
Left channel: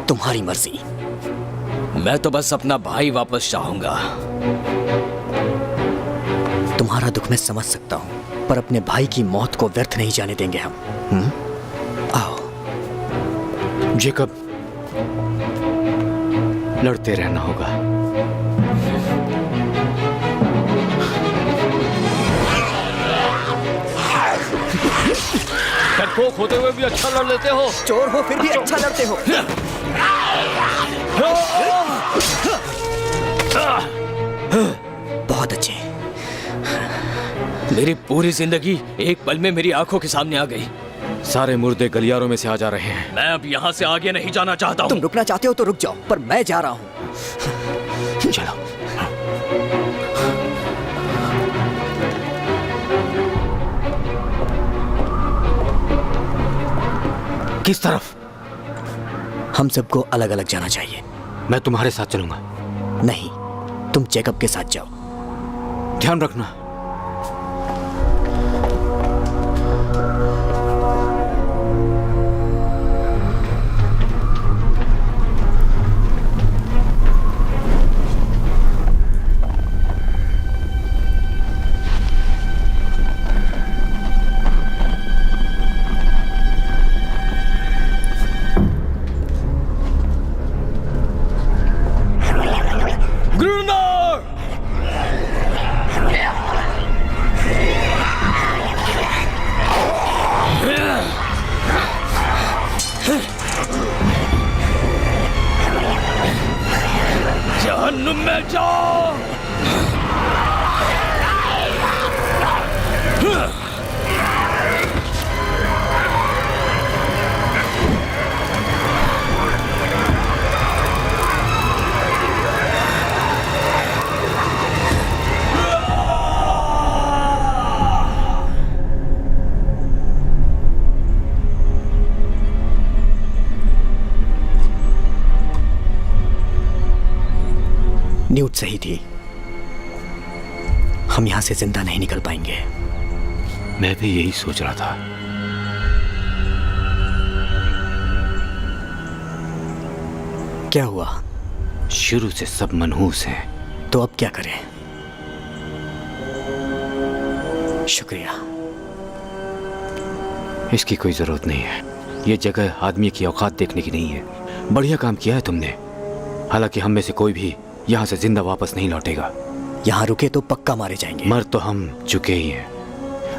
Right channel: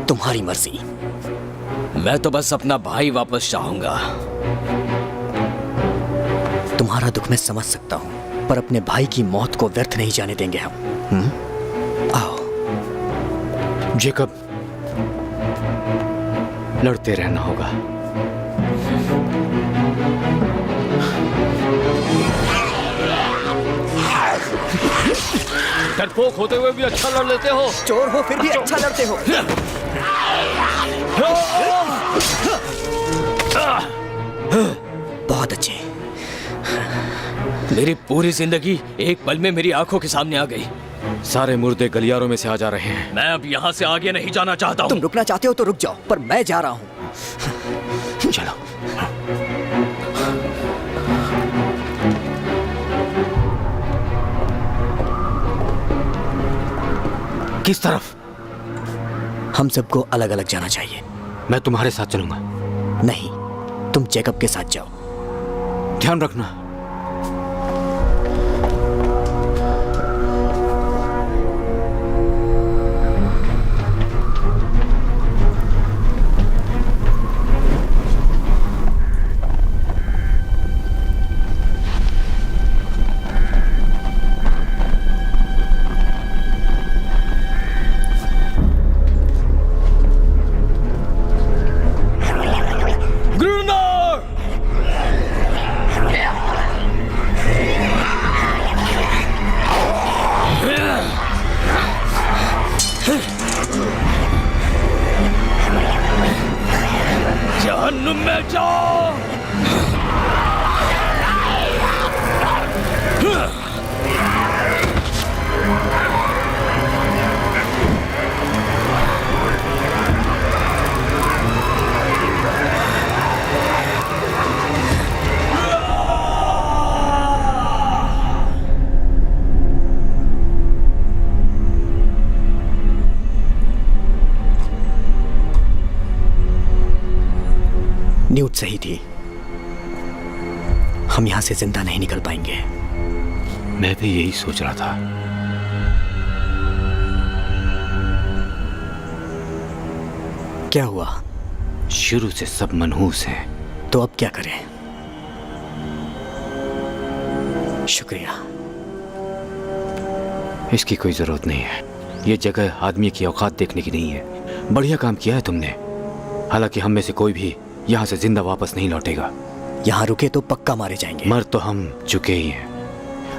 तुम्हारी मर्जी। मैं तो बस अपना भाई वापस चाहूंगा। तुम्हारा दुख मैं समझ सकता हूँ, पर अपने भाई की मौत को व्यर्थ नहीं जाने देंगे हम। आओ। जेकब, लड़ते रहना होगा। डरपोक होते हुए भी अच्छा लड़ लेते हो। चोर हो फिर भी अच्छा लड़ते हो। बहुत अच्छे। मेरी पूरी जिंदगी एक पल में मेरी आंखों के सामने आ गई। सारे मुर्दे गलियारों में से आ जा रहे हैं। मैं अब यहाँ से आगे नहीं जाना चाहता हूँ। तुम रुकना चाहते हो तो रुक जाओ, पर मैं जा रहा हूँ। चलो। किस तरफ? हम सबको अलग अलग जाना चाहिए। मैं तुम्हारे साथ चलूंगा। नहीं, तुम जेकब के साथ जाओ। ध्यान रखना। जहन्नुम में जाओ। न्यूट सही थी, हम यहां से जिंदा नहीं निकल पाएंगे। मैं भी यही सोच रहा था। क्या हुआ? शुरू से सब मनहूस हैं। तो अब क्या करें? शुक्रिया। इसकी कोई जरूरत नहीं है। ये जगह आदमी की औकात देखने की नहीं है। बढ़िया काम किया है तुमने। हालांकि हम में से कोई भी यहाँ से जिंदा वापस नहीं लौटेगा। यहाँ रुके तो पक्का मारे जाएंगे। मर तो हम चुके ही हैं।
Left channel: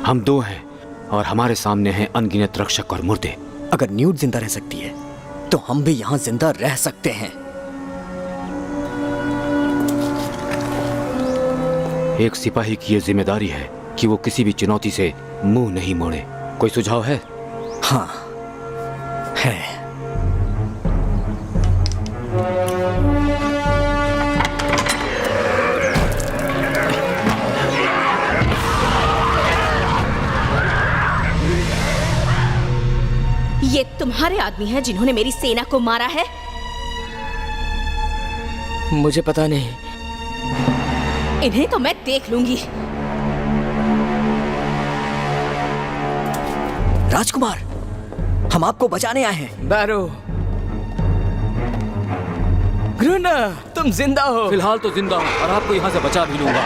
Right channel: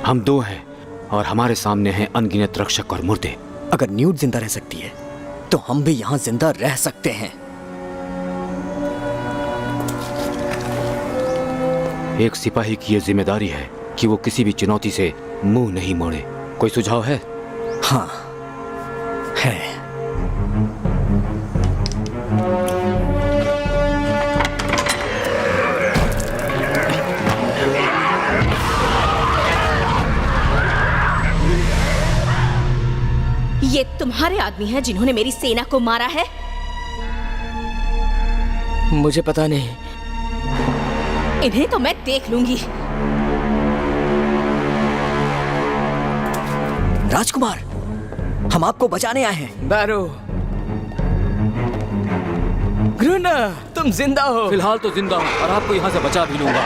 हम दो हैं और हमारे सामने हैं अनगिनत रक्षक और मुर्दे। अगर न्यूट जिंदा रह सकती है तो हम भी यहाँ जिंदा रह सकते हैं। एक सिपाही की ये जिम्मेदारी है कि वो किसी भी चुनौती से मुंह नहीं मोड़े। कोई सुझाव है? हाँ है। ये तुम्हारे आदमी हैं जिन्होंने मेरी सेना को मारा है? मुझे पता नहीं। इन्हें तो मैं देख लूंगी। राजकुमार, हम आपको बचाने आए हैं। बैरो, ग्रुना, तुम जिंदा हो। फिलहाल तो जिंदा हूँ और आपको यहाँ से बचा भी लूंगा।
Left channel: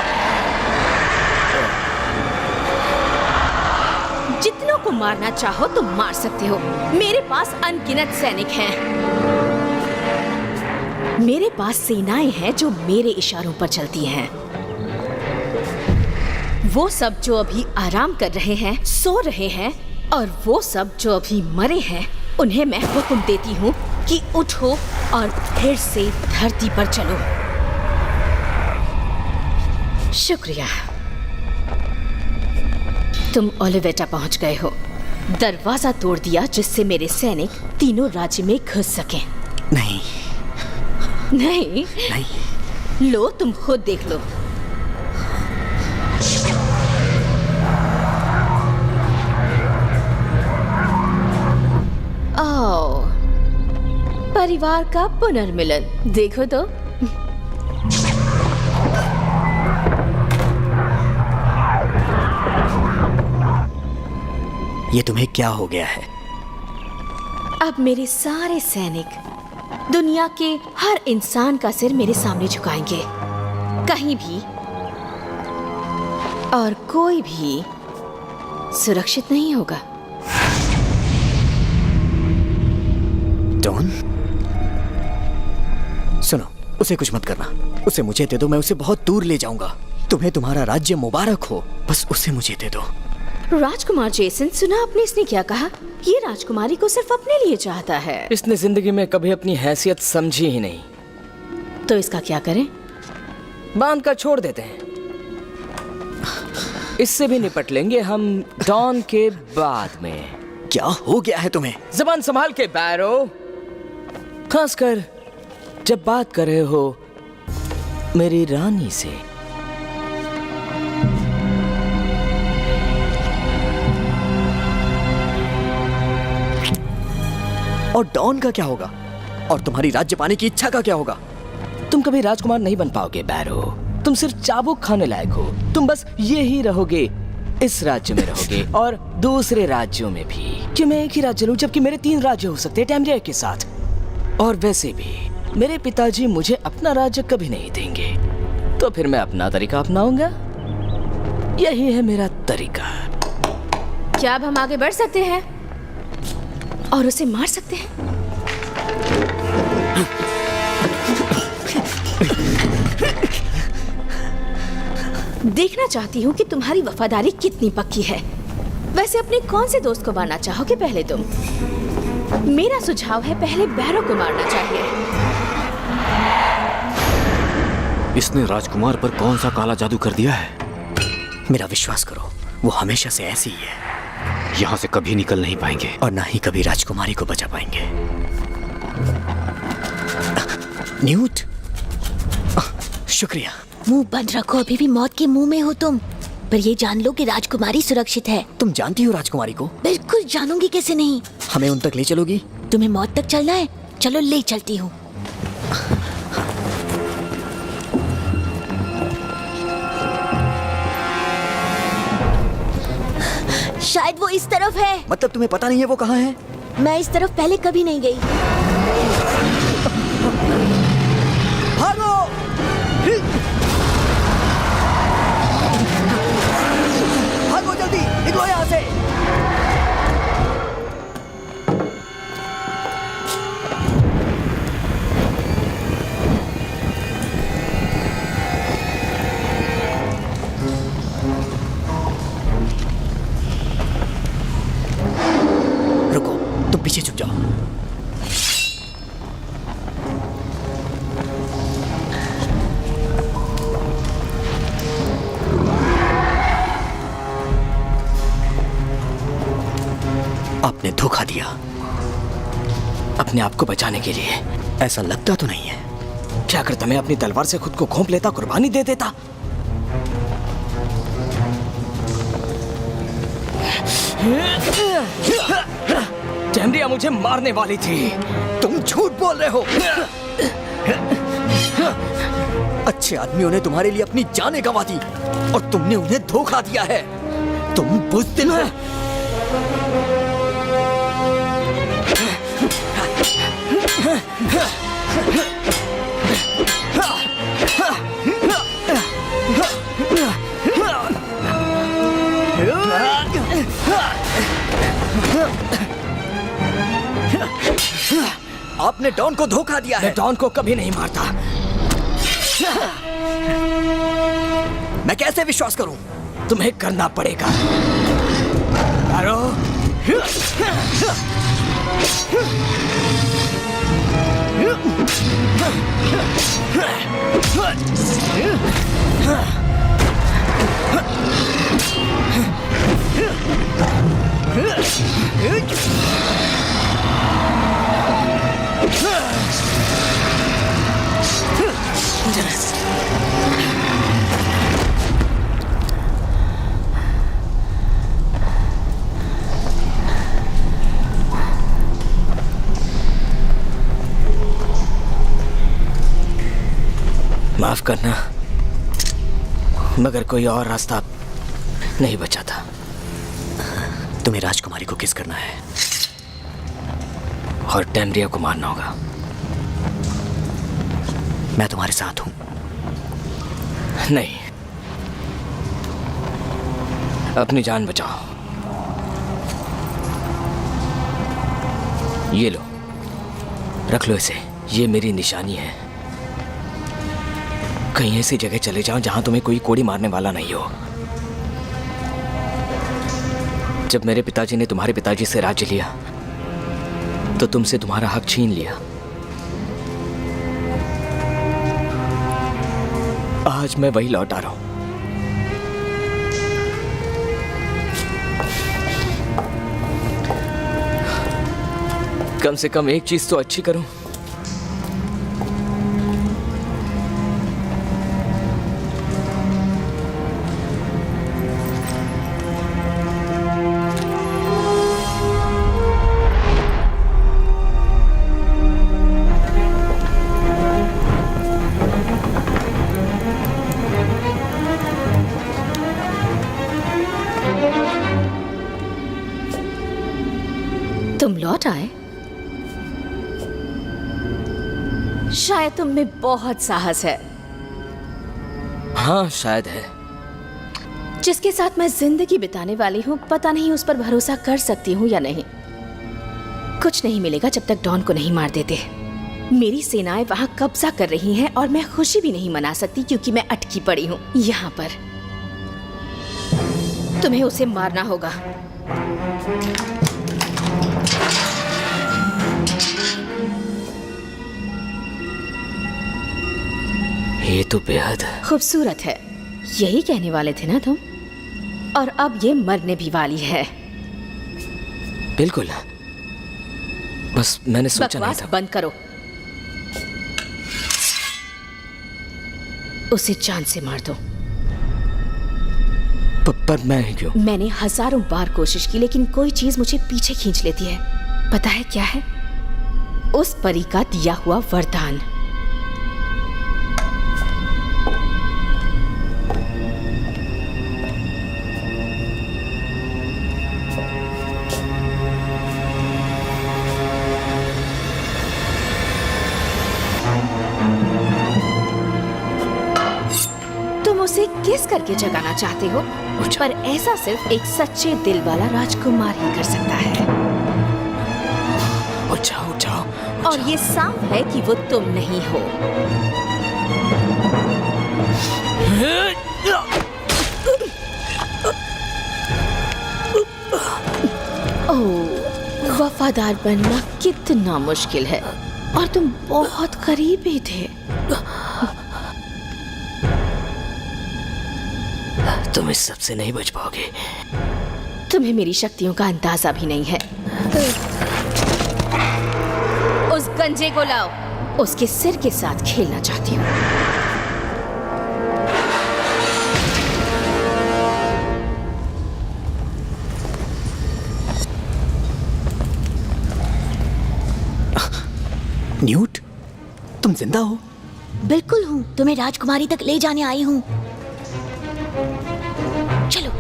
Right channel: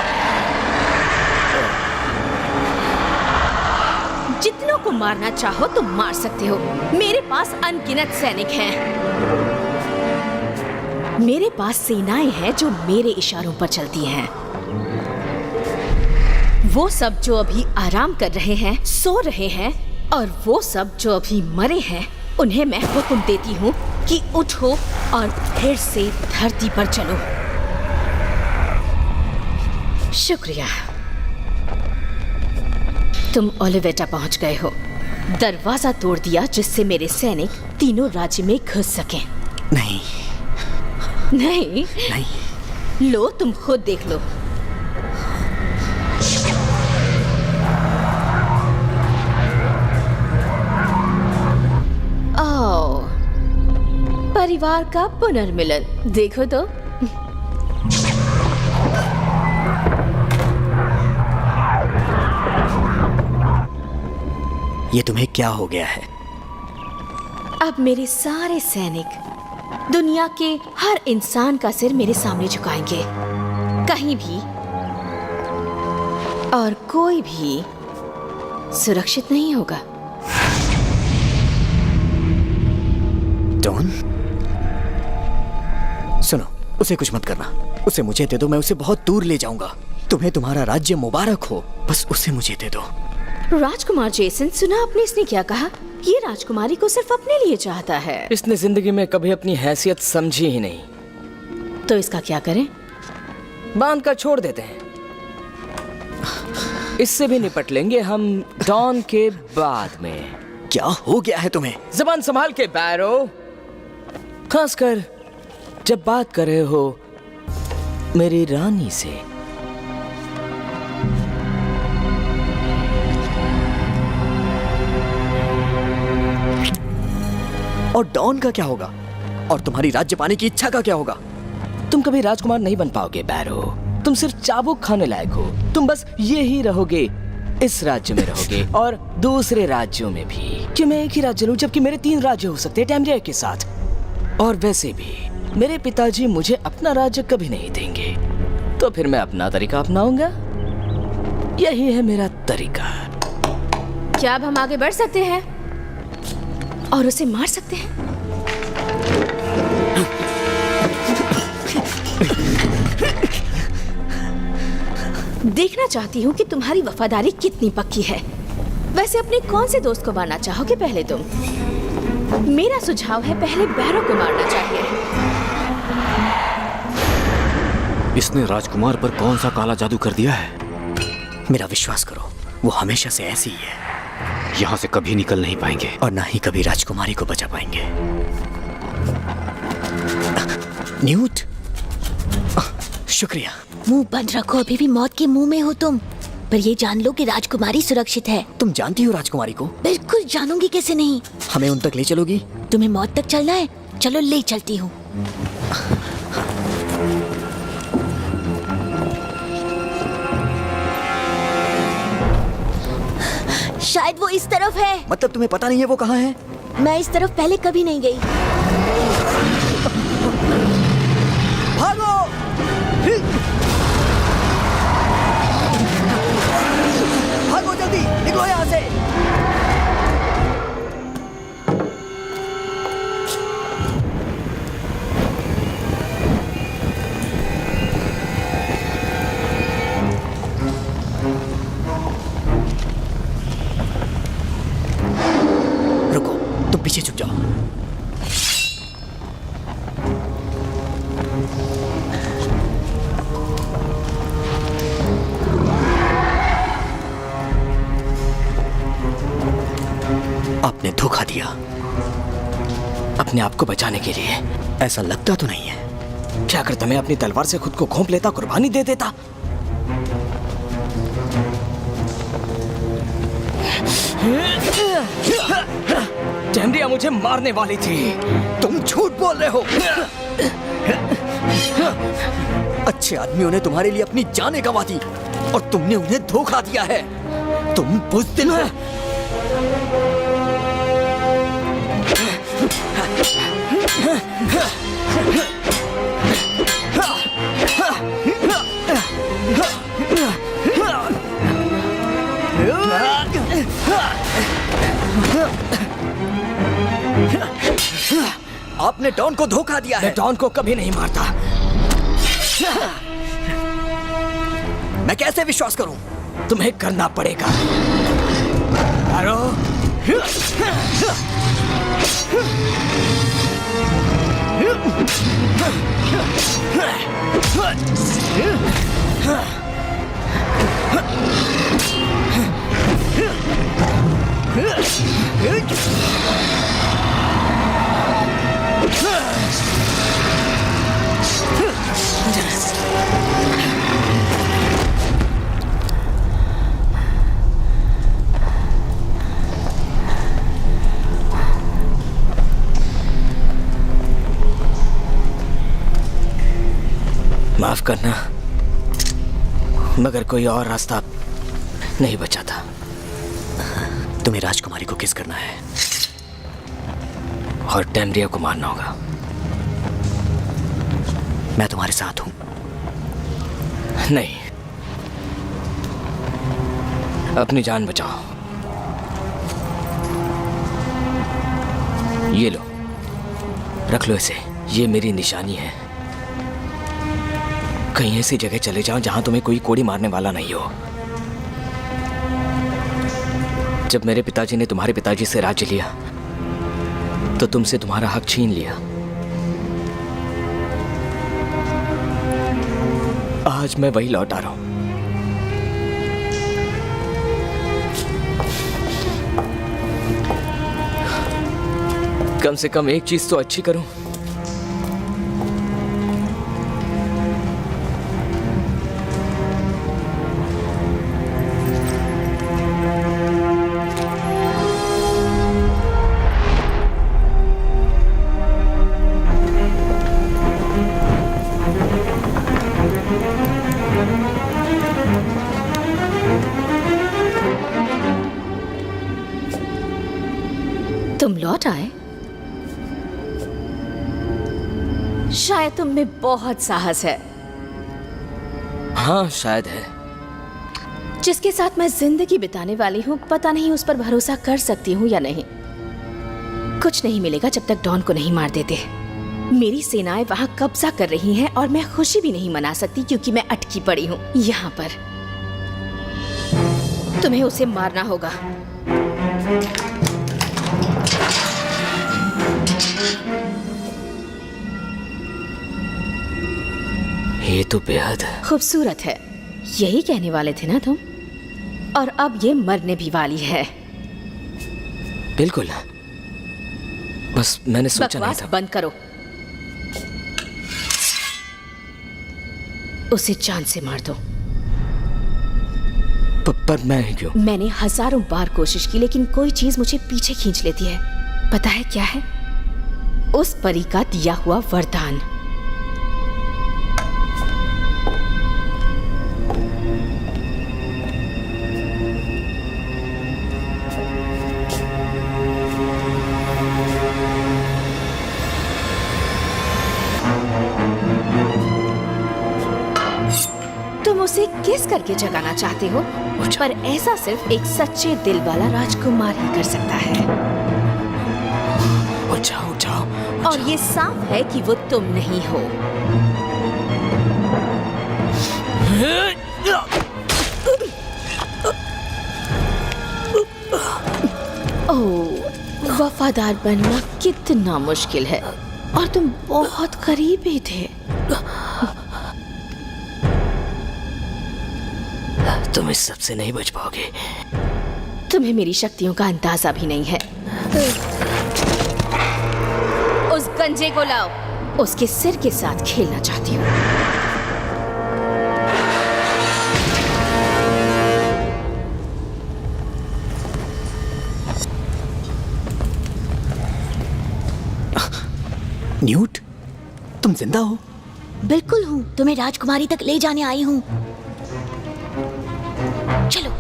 जितनों को मारना चाहो तो मार सकते हो। मेरे पास अनगिनत सैनिक हैं। मेरे पास सेनाएं हैं जो मेरे इशारों पर चलती हैं। वो सब जो अभी आराम कर रहे हैं, सो रहे हैं, और वो सब जो अभी मरे हैं, उन्हें मैं हुक्म देती हूँ कि उठो और फिर से धरती पर चलो। शुक्रिया। तुम ओलिवेटा पहुंच गए हो। दरवाजा तोड़ दिया जिससे मेरे सैनिक तीनों राज्य में घुस सकें। नहीं नहीं नहीं, लो तुम खुद देख लो। आओ, परिवार का पुनर्मिलन देखो तो। ये तुम्हें क्या हो गया है? अब मेरे सारे सैनिक दुनिया के हर इंसान का सिर मेरे सामने झुकाएंगे, कहीं भी और कोई भी सुरक्षित नहीं होगा। डॉन, सुनो, उसे कुछ मत करना। उसे मुझे दे दो, मैं उसे बहुत दूर ले जाऊंगा। तुम्हें तुम्हारा राज्य मुबारक हो, बस उसे मुझे दे दो। राजकुमार जेसन, सुना आपने इसने क्या कहा? ये राजकुमारी को सिर्फ अपने लिए चाहता है। इसने जिंदगी में कभी अपनी हैसियत समझी ही नहीं। तो इसका क्या करें? बांध कर छोड़ देते हैं। इससे भी निपट लेंगे हम डॉन के बाद में। क्या हो गया है तुम्हें? जबान संभाल के बैरो, खासकर जब बात कर रहे हो मेरी रानी से। और डॉन का क्या होगा? और तुम्हारी राज्य पाने की इच्छा का क्या होगा? तुम कभी राजकुमार नहीं बन पाओगे बैरो। तुम सिर्फ चाबुक खाने लायक हो। तुम बस ये ही रहोगे, इस राज्य में रहोगे और दूसरे राज्यों में भी। क्यों मैं एक ही राज्य लूं जबकि मेरे 3 राज्य हो सकते हैं टैम्ब्रिया के साथ। और वैसे भी मेरे पिताजी मुझे अपना राज्य कभी नहीं देंगे, तो फिर मैं अपना तरीका अपनाऊंगा। यही है मेरा तरीका। क्या अब हम आगे बढ़ सकते हैं और उसे मार सकते हैं? देखना चाहती हूँ कि तुम्हारी वफादारी कितनी पक्की है। वैसे अपने कौन से दोस्त को मारना चाहोगे पहले तुम? मेरा सुझाव है पहले बैरो को मारना चाहिए। इसने राजकुमार पर कौन सा काला जादू कर दिया है? मेरा विश्वास करो, वो हमेशा से ऐसी ही है। यहाँ से कभी निकल नहीं पाएंगे और ना ही कभी राजकुमारी को बचा पाएंगे। न्यूट, शुक्रिया। मुंह बंद रखो, अभी भी मौत के मुंह में हो तुम। पर ये जान लो कि राजकुमारी सुरक्षित है। तुम जानती हो राजकुमारी को? बिल्कुल जानूंगी, कैसे नहीं। हमें उन तक ले चलोगी? तुम्हें मौत तक चलना है? चलो ले चलती हूँ। शायद वो इस तरफ है। मतलब तुम्हें पता नहीं है वो कहाँ है? मैं इस तरफ पहले कभी नहीं गई। भागो! भागो जल्दी, निकलो यहाँ से। रुको, तुम पीछे छुप जाओ। आपने धोखा दिया अपने आप को बचाने के लिए। ऐसा लगता तो नहीं है। क्या करता मैं अपनी तलवार से खुद को घोंप लेता, कुर्बानी दे देता। टैम्ब्रिया मुझे मारने वाली थी। तुम झूठ बोल रहे हो। अच्छे आदमियों ने तुम्हारे लिए अपनी जानें गंवा दी और तुमने उन्हें धोखा दिया है। तुम बुज़दिल हो। आपने डॉन को धोखा दिया है। मैं डॉन को कभी नहीं मारता। मैं कैसे विश्वास करूं? तुम्हें करना पड़ेगा। अरो माफ करना, मगर कोई और रास्ता नहीं बचा था। तुम्हें राजकुमारी को किस करना है और टैमरिया को मारना होगा। मैं तुम्हारे साथ हूं। नहीं, अपनी जान बचाओ। ये लो, रख लो इसे। ये मेरी निशानी है। कहीं ऐसी जगह चले जाओ जहां तुम्हें कोई कोड़ी मारने वाला नहीं हो। जब मेरे पिताजी ने तुम्हारे पिताजी से राज्य लिया तो तुमसे तुम्हारा हक छीन लिया। आज मैं वही लौट आ रहा हूं। कम से कम एक चीज तो अच्छी करूं। तुम लौट आए? शायद तुम में बहुत साहस है। हाँ, शायद है। जिसके साथ मैं जिंदगी बिताने वाली हूँ, पता नहीं उस पर भरोसा कर सकती हूँ या नहीं। कुछ नहीं मिलेगा जब तक डॉन को नहीं मार देते। मेरी सेनाएं वहां कब्जा कर रही हैं और मैं खुशी भी नहीं मना सकती क्योंकि मैं अटकी पड़ी हूँ यहाँ पर। तुम्हें उसे मारना होगा। ये तो बेहद खूबसूरत है, यही कहने वाले थे ना तुम? और अब ये मरने भी वाली है। बिल्कुल, बस मैंने सोचा नहीं बकवास था। बंद करो। उसे जान से मार दो। पर मैं क्यों? मैंने हजारों बार कोशिश की लेकिन कोई चीज मुझे पीछे खींच लेती है। पता है क्या है? उस परी का दिया हुआ वरदान। तुम उसे किस करके जगाना चाहते हो, पर ऐसा सिर्फ एक सच्चे दिल वाला राजकुमार ही कर सकता है। उठ जाओ, उठ जाओ, उठ और जाओ। ये साफ है कि वो तुम नहीं हो। ओह, वफादार बनना कितना मुश्किल है और तुम बहुत करीबी थे। तुम इस सब से नहीं बच पाओगे। तुम्हें मेरी शक्तियों का अंदाजा भी नहीं है। उस गंजे को लाओ। उसके सिर के साथ खेलना चाहती हूँ। न्यूट, तुम जिंदा हो? बिल्कुल हूँ, तुम्हें राजकुमारी तक ले जाने आई हूँ। चलो।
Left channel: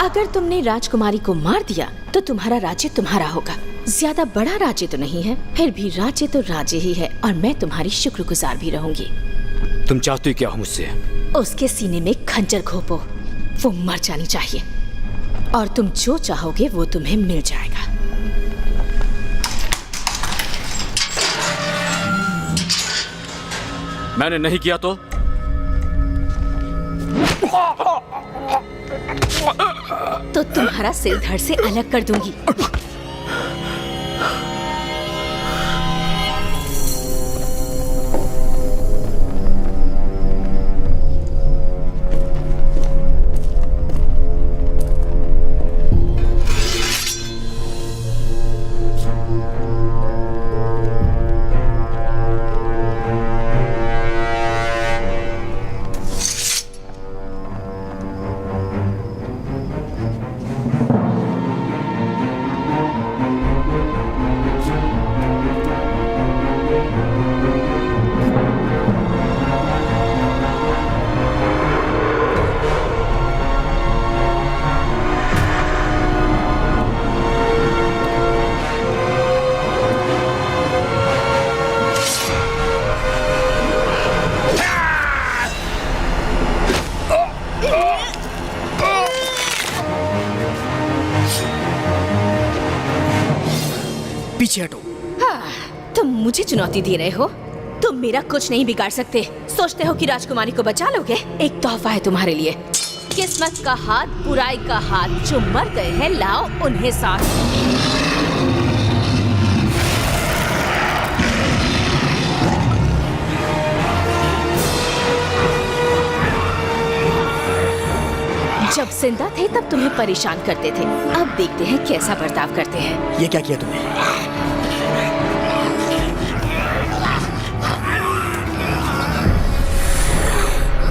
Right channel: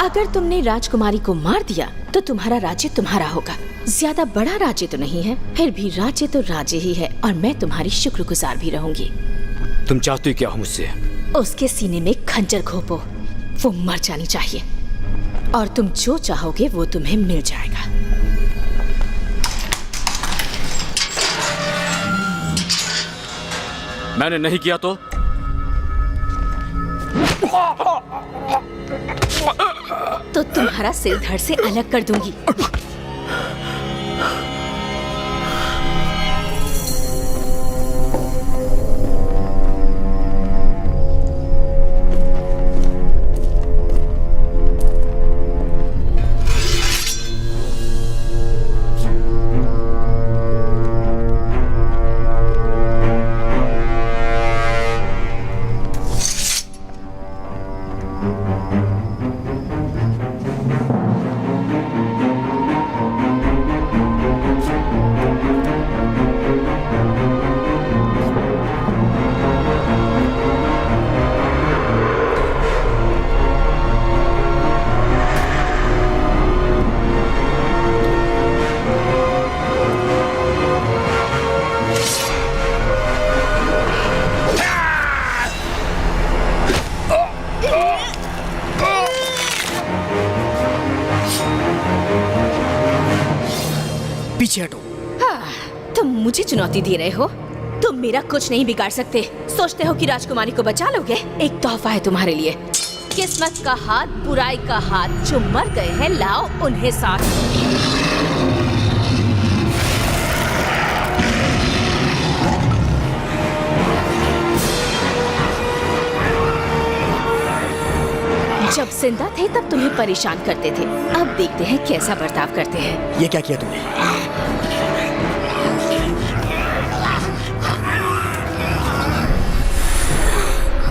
अगर तुमने राजकुमारी को मार दिया तो तुम्हारा राज्य तुम्हारा होगा। ज्यादा बड़ा राज्य तो नहीं है, फिर भी राज्य तो राज्य ही है और मैं तुम्हारी शुक्रगुजार भी रहूंगी। तुम चाहती क्या हो मुझसे? उसके सीने में खंजर घोपो। वो मर जानी चाहिए और तुम जो चाहोगे वो तुम्हें मिल जाएगा। मैंने नहीं किया तो? तो तुम्हारा सिर धड़ से अलग कर दूंगी। पीछे हटो। तुम मुझे चुनौती दे रहे हो? तुम मेरा कुछ नहीं बिगाड़ सकते। सोचते हो कि राजकुमारी को बचा लोगे? एक तोहफा है तुम्हारे लिए। किस्मत का हाथ, बुराई का हाथ, जो मर गए हैं लाओ उन्हें साथ। जब जिंदा थे तब तुम्हें परेशान करते थे, अब देखते हैं कैसा बर्ताव करते हैं। ये क्या किया तुमने?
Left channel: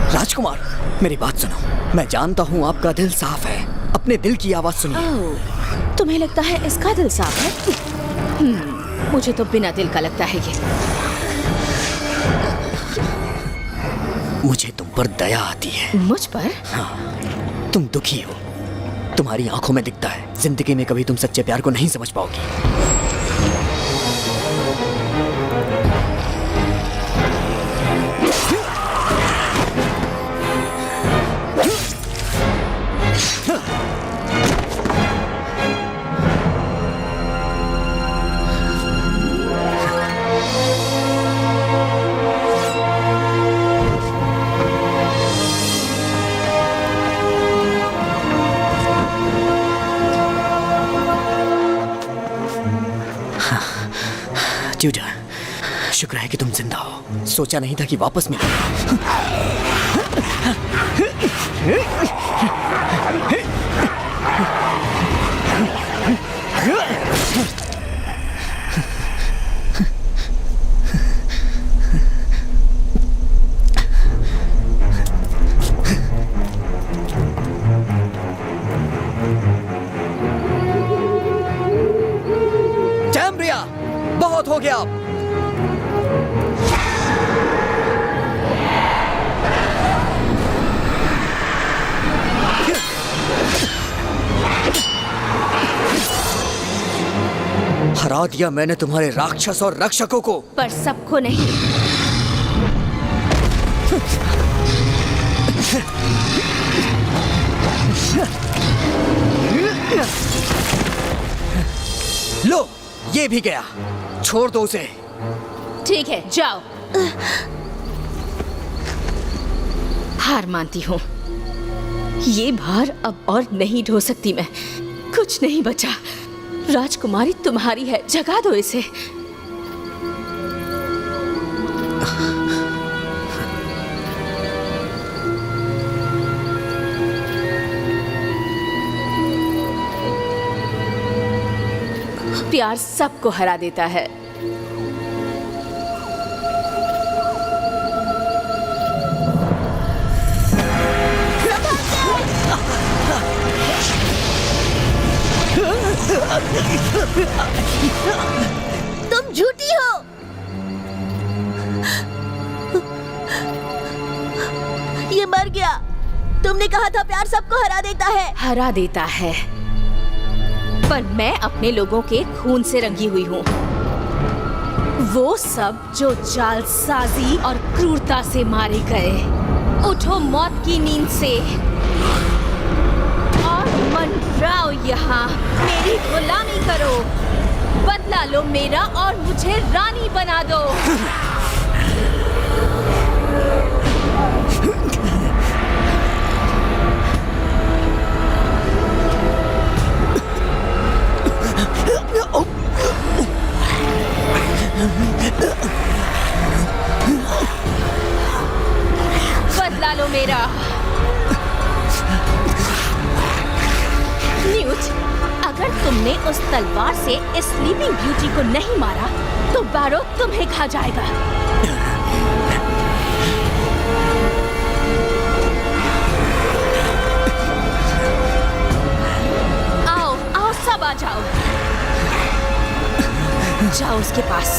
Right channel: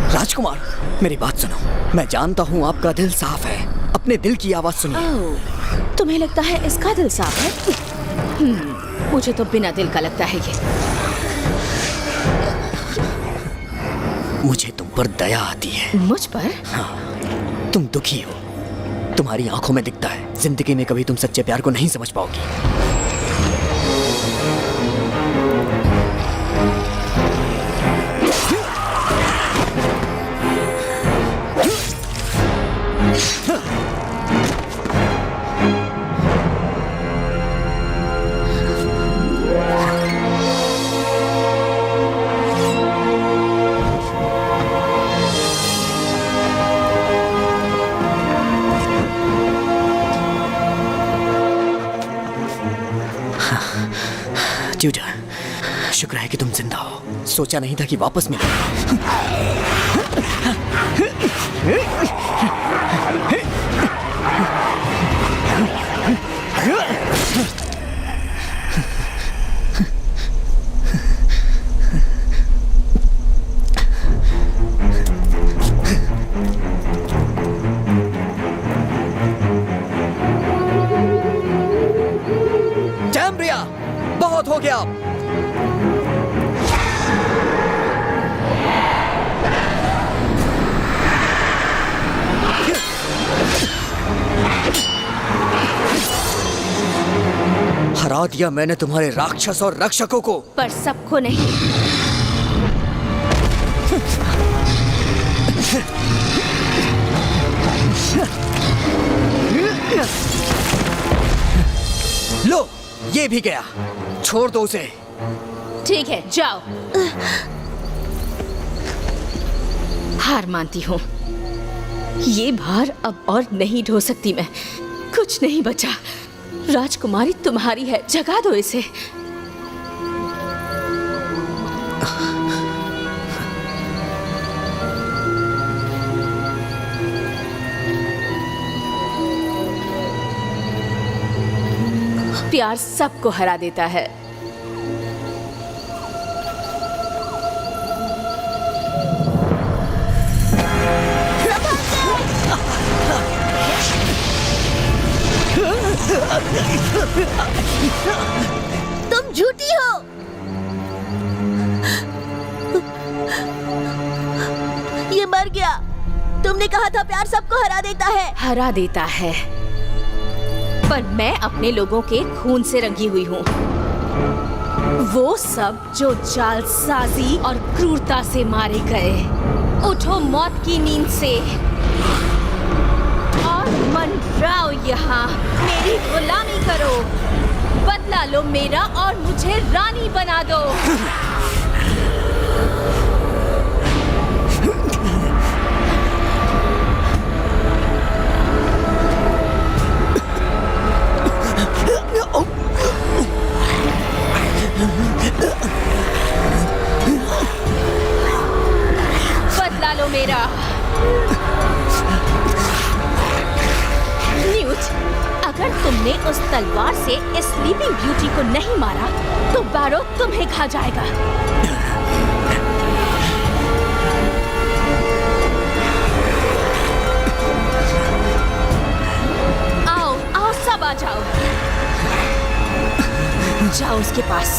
राजकुमार, मेरी बात सुनो। मैं जानता हूँ आपका दिल साफ है। अपने दिल की आवाज सुनिए। ओह, तुम्हें लगता है इसका दिल साफ है? मुझे तो बिना दिल का लगता है ये। मुझे तुम पर दया आती है। मुझ पर? हाँ, तुम दुखी हो। तुम्हारी आंखों में दिखता है। जिंदगी में कभी तुम सच्चे प्यार को नहीं समझ पाओगी। ट्यूटर, शुक्र है कि तुम जिंदा हो। सोचा नहीं था कि वापस मिलोगे। टैम्ब्रिया, बहुत हो गया अब। हरा दिया मैंने तुम्हारे राक्षस और रक्षकों को, पर सबको नहीं। लो, ये भी गया। छोड़ दो उसे। ठीक है, जाओ। हार मानती हूँ। ये भार अब और नहीं ढो सकती मैं। कुछ नहीं बचा। राजकुमारी तुम्हारी है, जगा दो इसे। प्यार सबको हरा देता है। तुम झूठी हो। ये मर गया। तुमने कहा था प्यार सबको हरा देता है। हरा देता है, पर मैं अपने लोगों के खून से रंगी हुई हूँ। वो सब जो जालसाजी और क्रूरता से मारे गए। उठो मौत की नींद से और मंडराओ यहाँ। मेरी गुलामी करो, बदला लो मेरा और मुझे रानी बना दो। बदला लो मेरा। न्यूट, अगर तुमने उस तलवार से इस स्लीपिंग ब्यूटी को नहीं मारा तो बैरो तुम्हें खा जाएगा। आओ आओ, सब आ जाओ। जाओ उसके पास,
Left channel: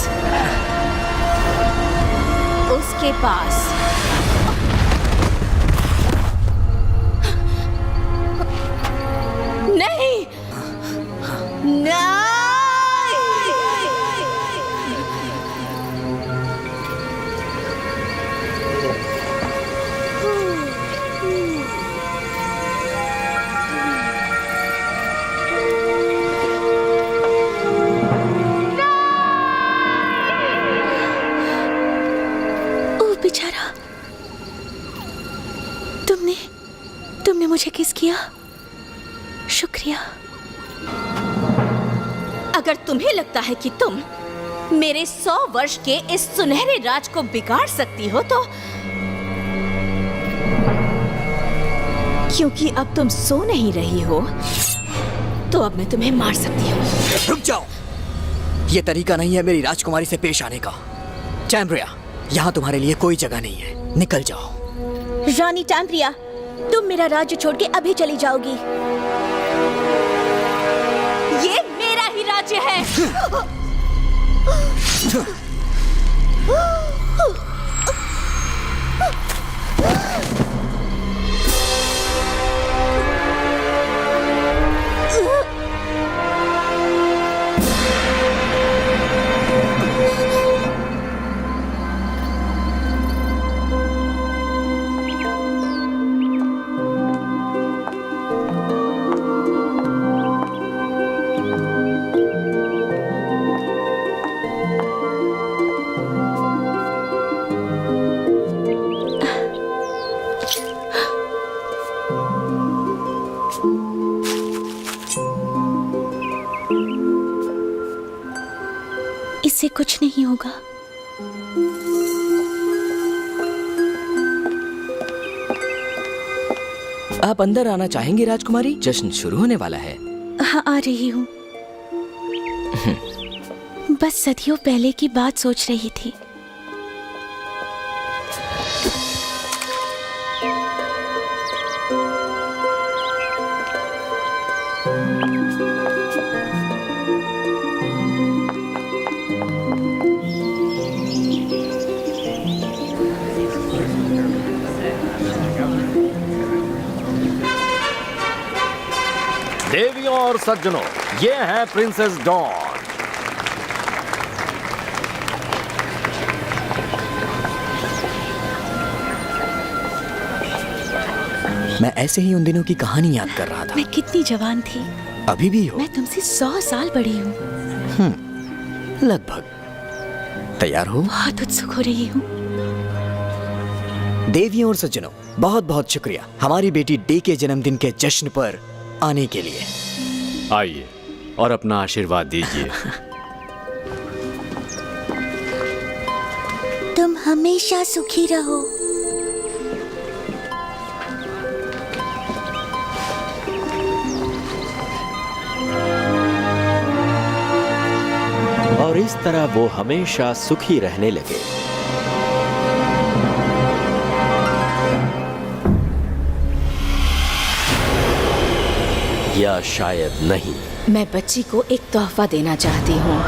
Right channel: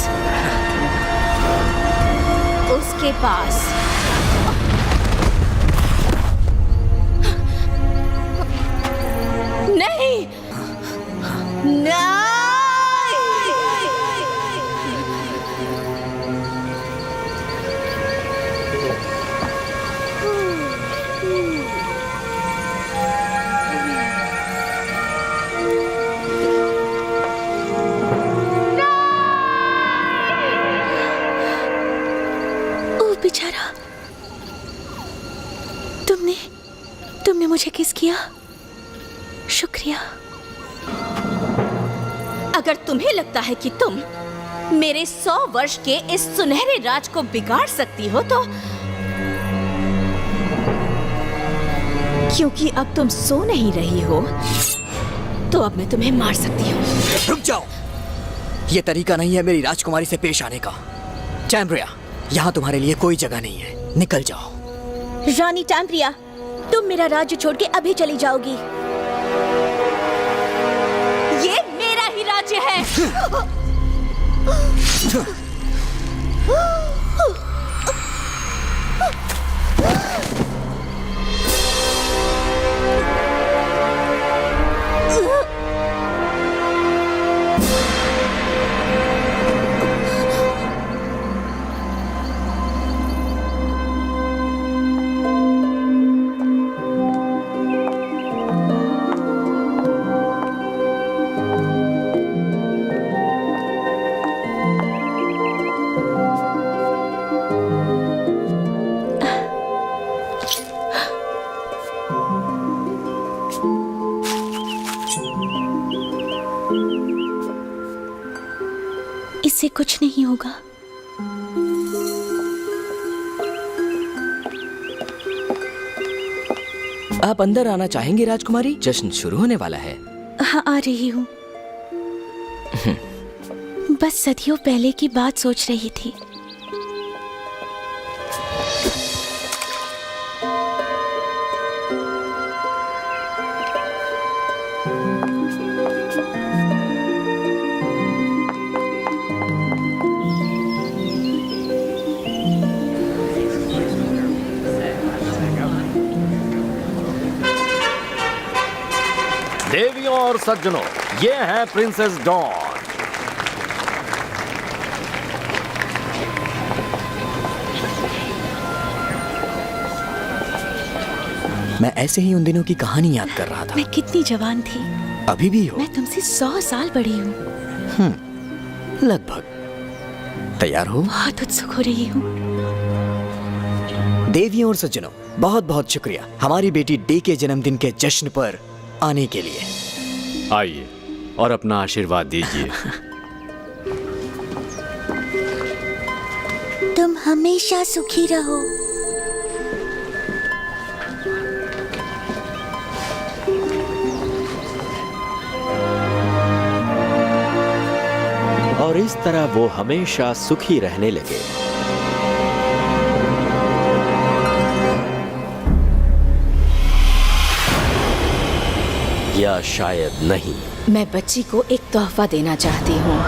उसके पास। नहीं, नहीं। ओ बेचारा, तुमने मुझे किस किया? शुक्रिया। अगर तुम्हें लगता है कि तुम मेरे 100 वर्ष के इस सुनहरे राज को बिगाड़ सकती हो तो क्योंकि अब तुम सो नहीं रही हो तो अब मैं तुम्हें मार सकती हूँ। रुक जाओ, ये तरीका नहीं है मेरी राजकुमारी से पेश आने का। टैम्ब्रिया, यहाँ तुम्हारे लिए कोई जगह नहीं है, निकल जाओ। रानी टैम्ब्रिया, तुम मेरा राज्य छोड़ के अभी चली जाओगी। ये मेरा ही राज्य है। इससे कुछ नहीं होगा। आप अंदर आना चाहेंगे राजकुमारी? जश्न शुरू होने वाला है। हाँ, आ रही हूँ। बस सदियों पहले की बात सोच रही थी। देवियों और सज्जनों, ये है प्रिंसेस डॉन। मैं ऐसे ही उन दिनों की कहानी याद कर रहा था। मैं कितनी जवान थी। अभी भी हो? मैं तुमसे 100 साल बड़ी हूँ। लगभग। तैयार हो? बहुत उत्सुक हो रही हूँ। देवियों और सज्जनों, बहुत बहुत शुक्रिया हमारी बेटी डे के जन्मदिन के जश्न पर आने के लिए। आइए और अपना आशीर्वाद दीजिए। तुम हमेशा सुखी रहो। और इस तरह वो हमेशा सुखी रहने लगे। या शायद नहीं। मैं बच्ची को एक तोहफा देना चाहती हूँ।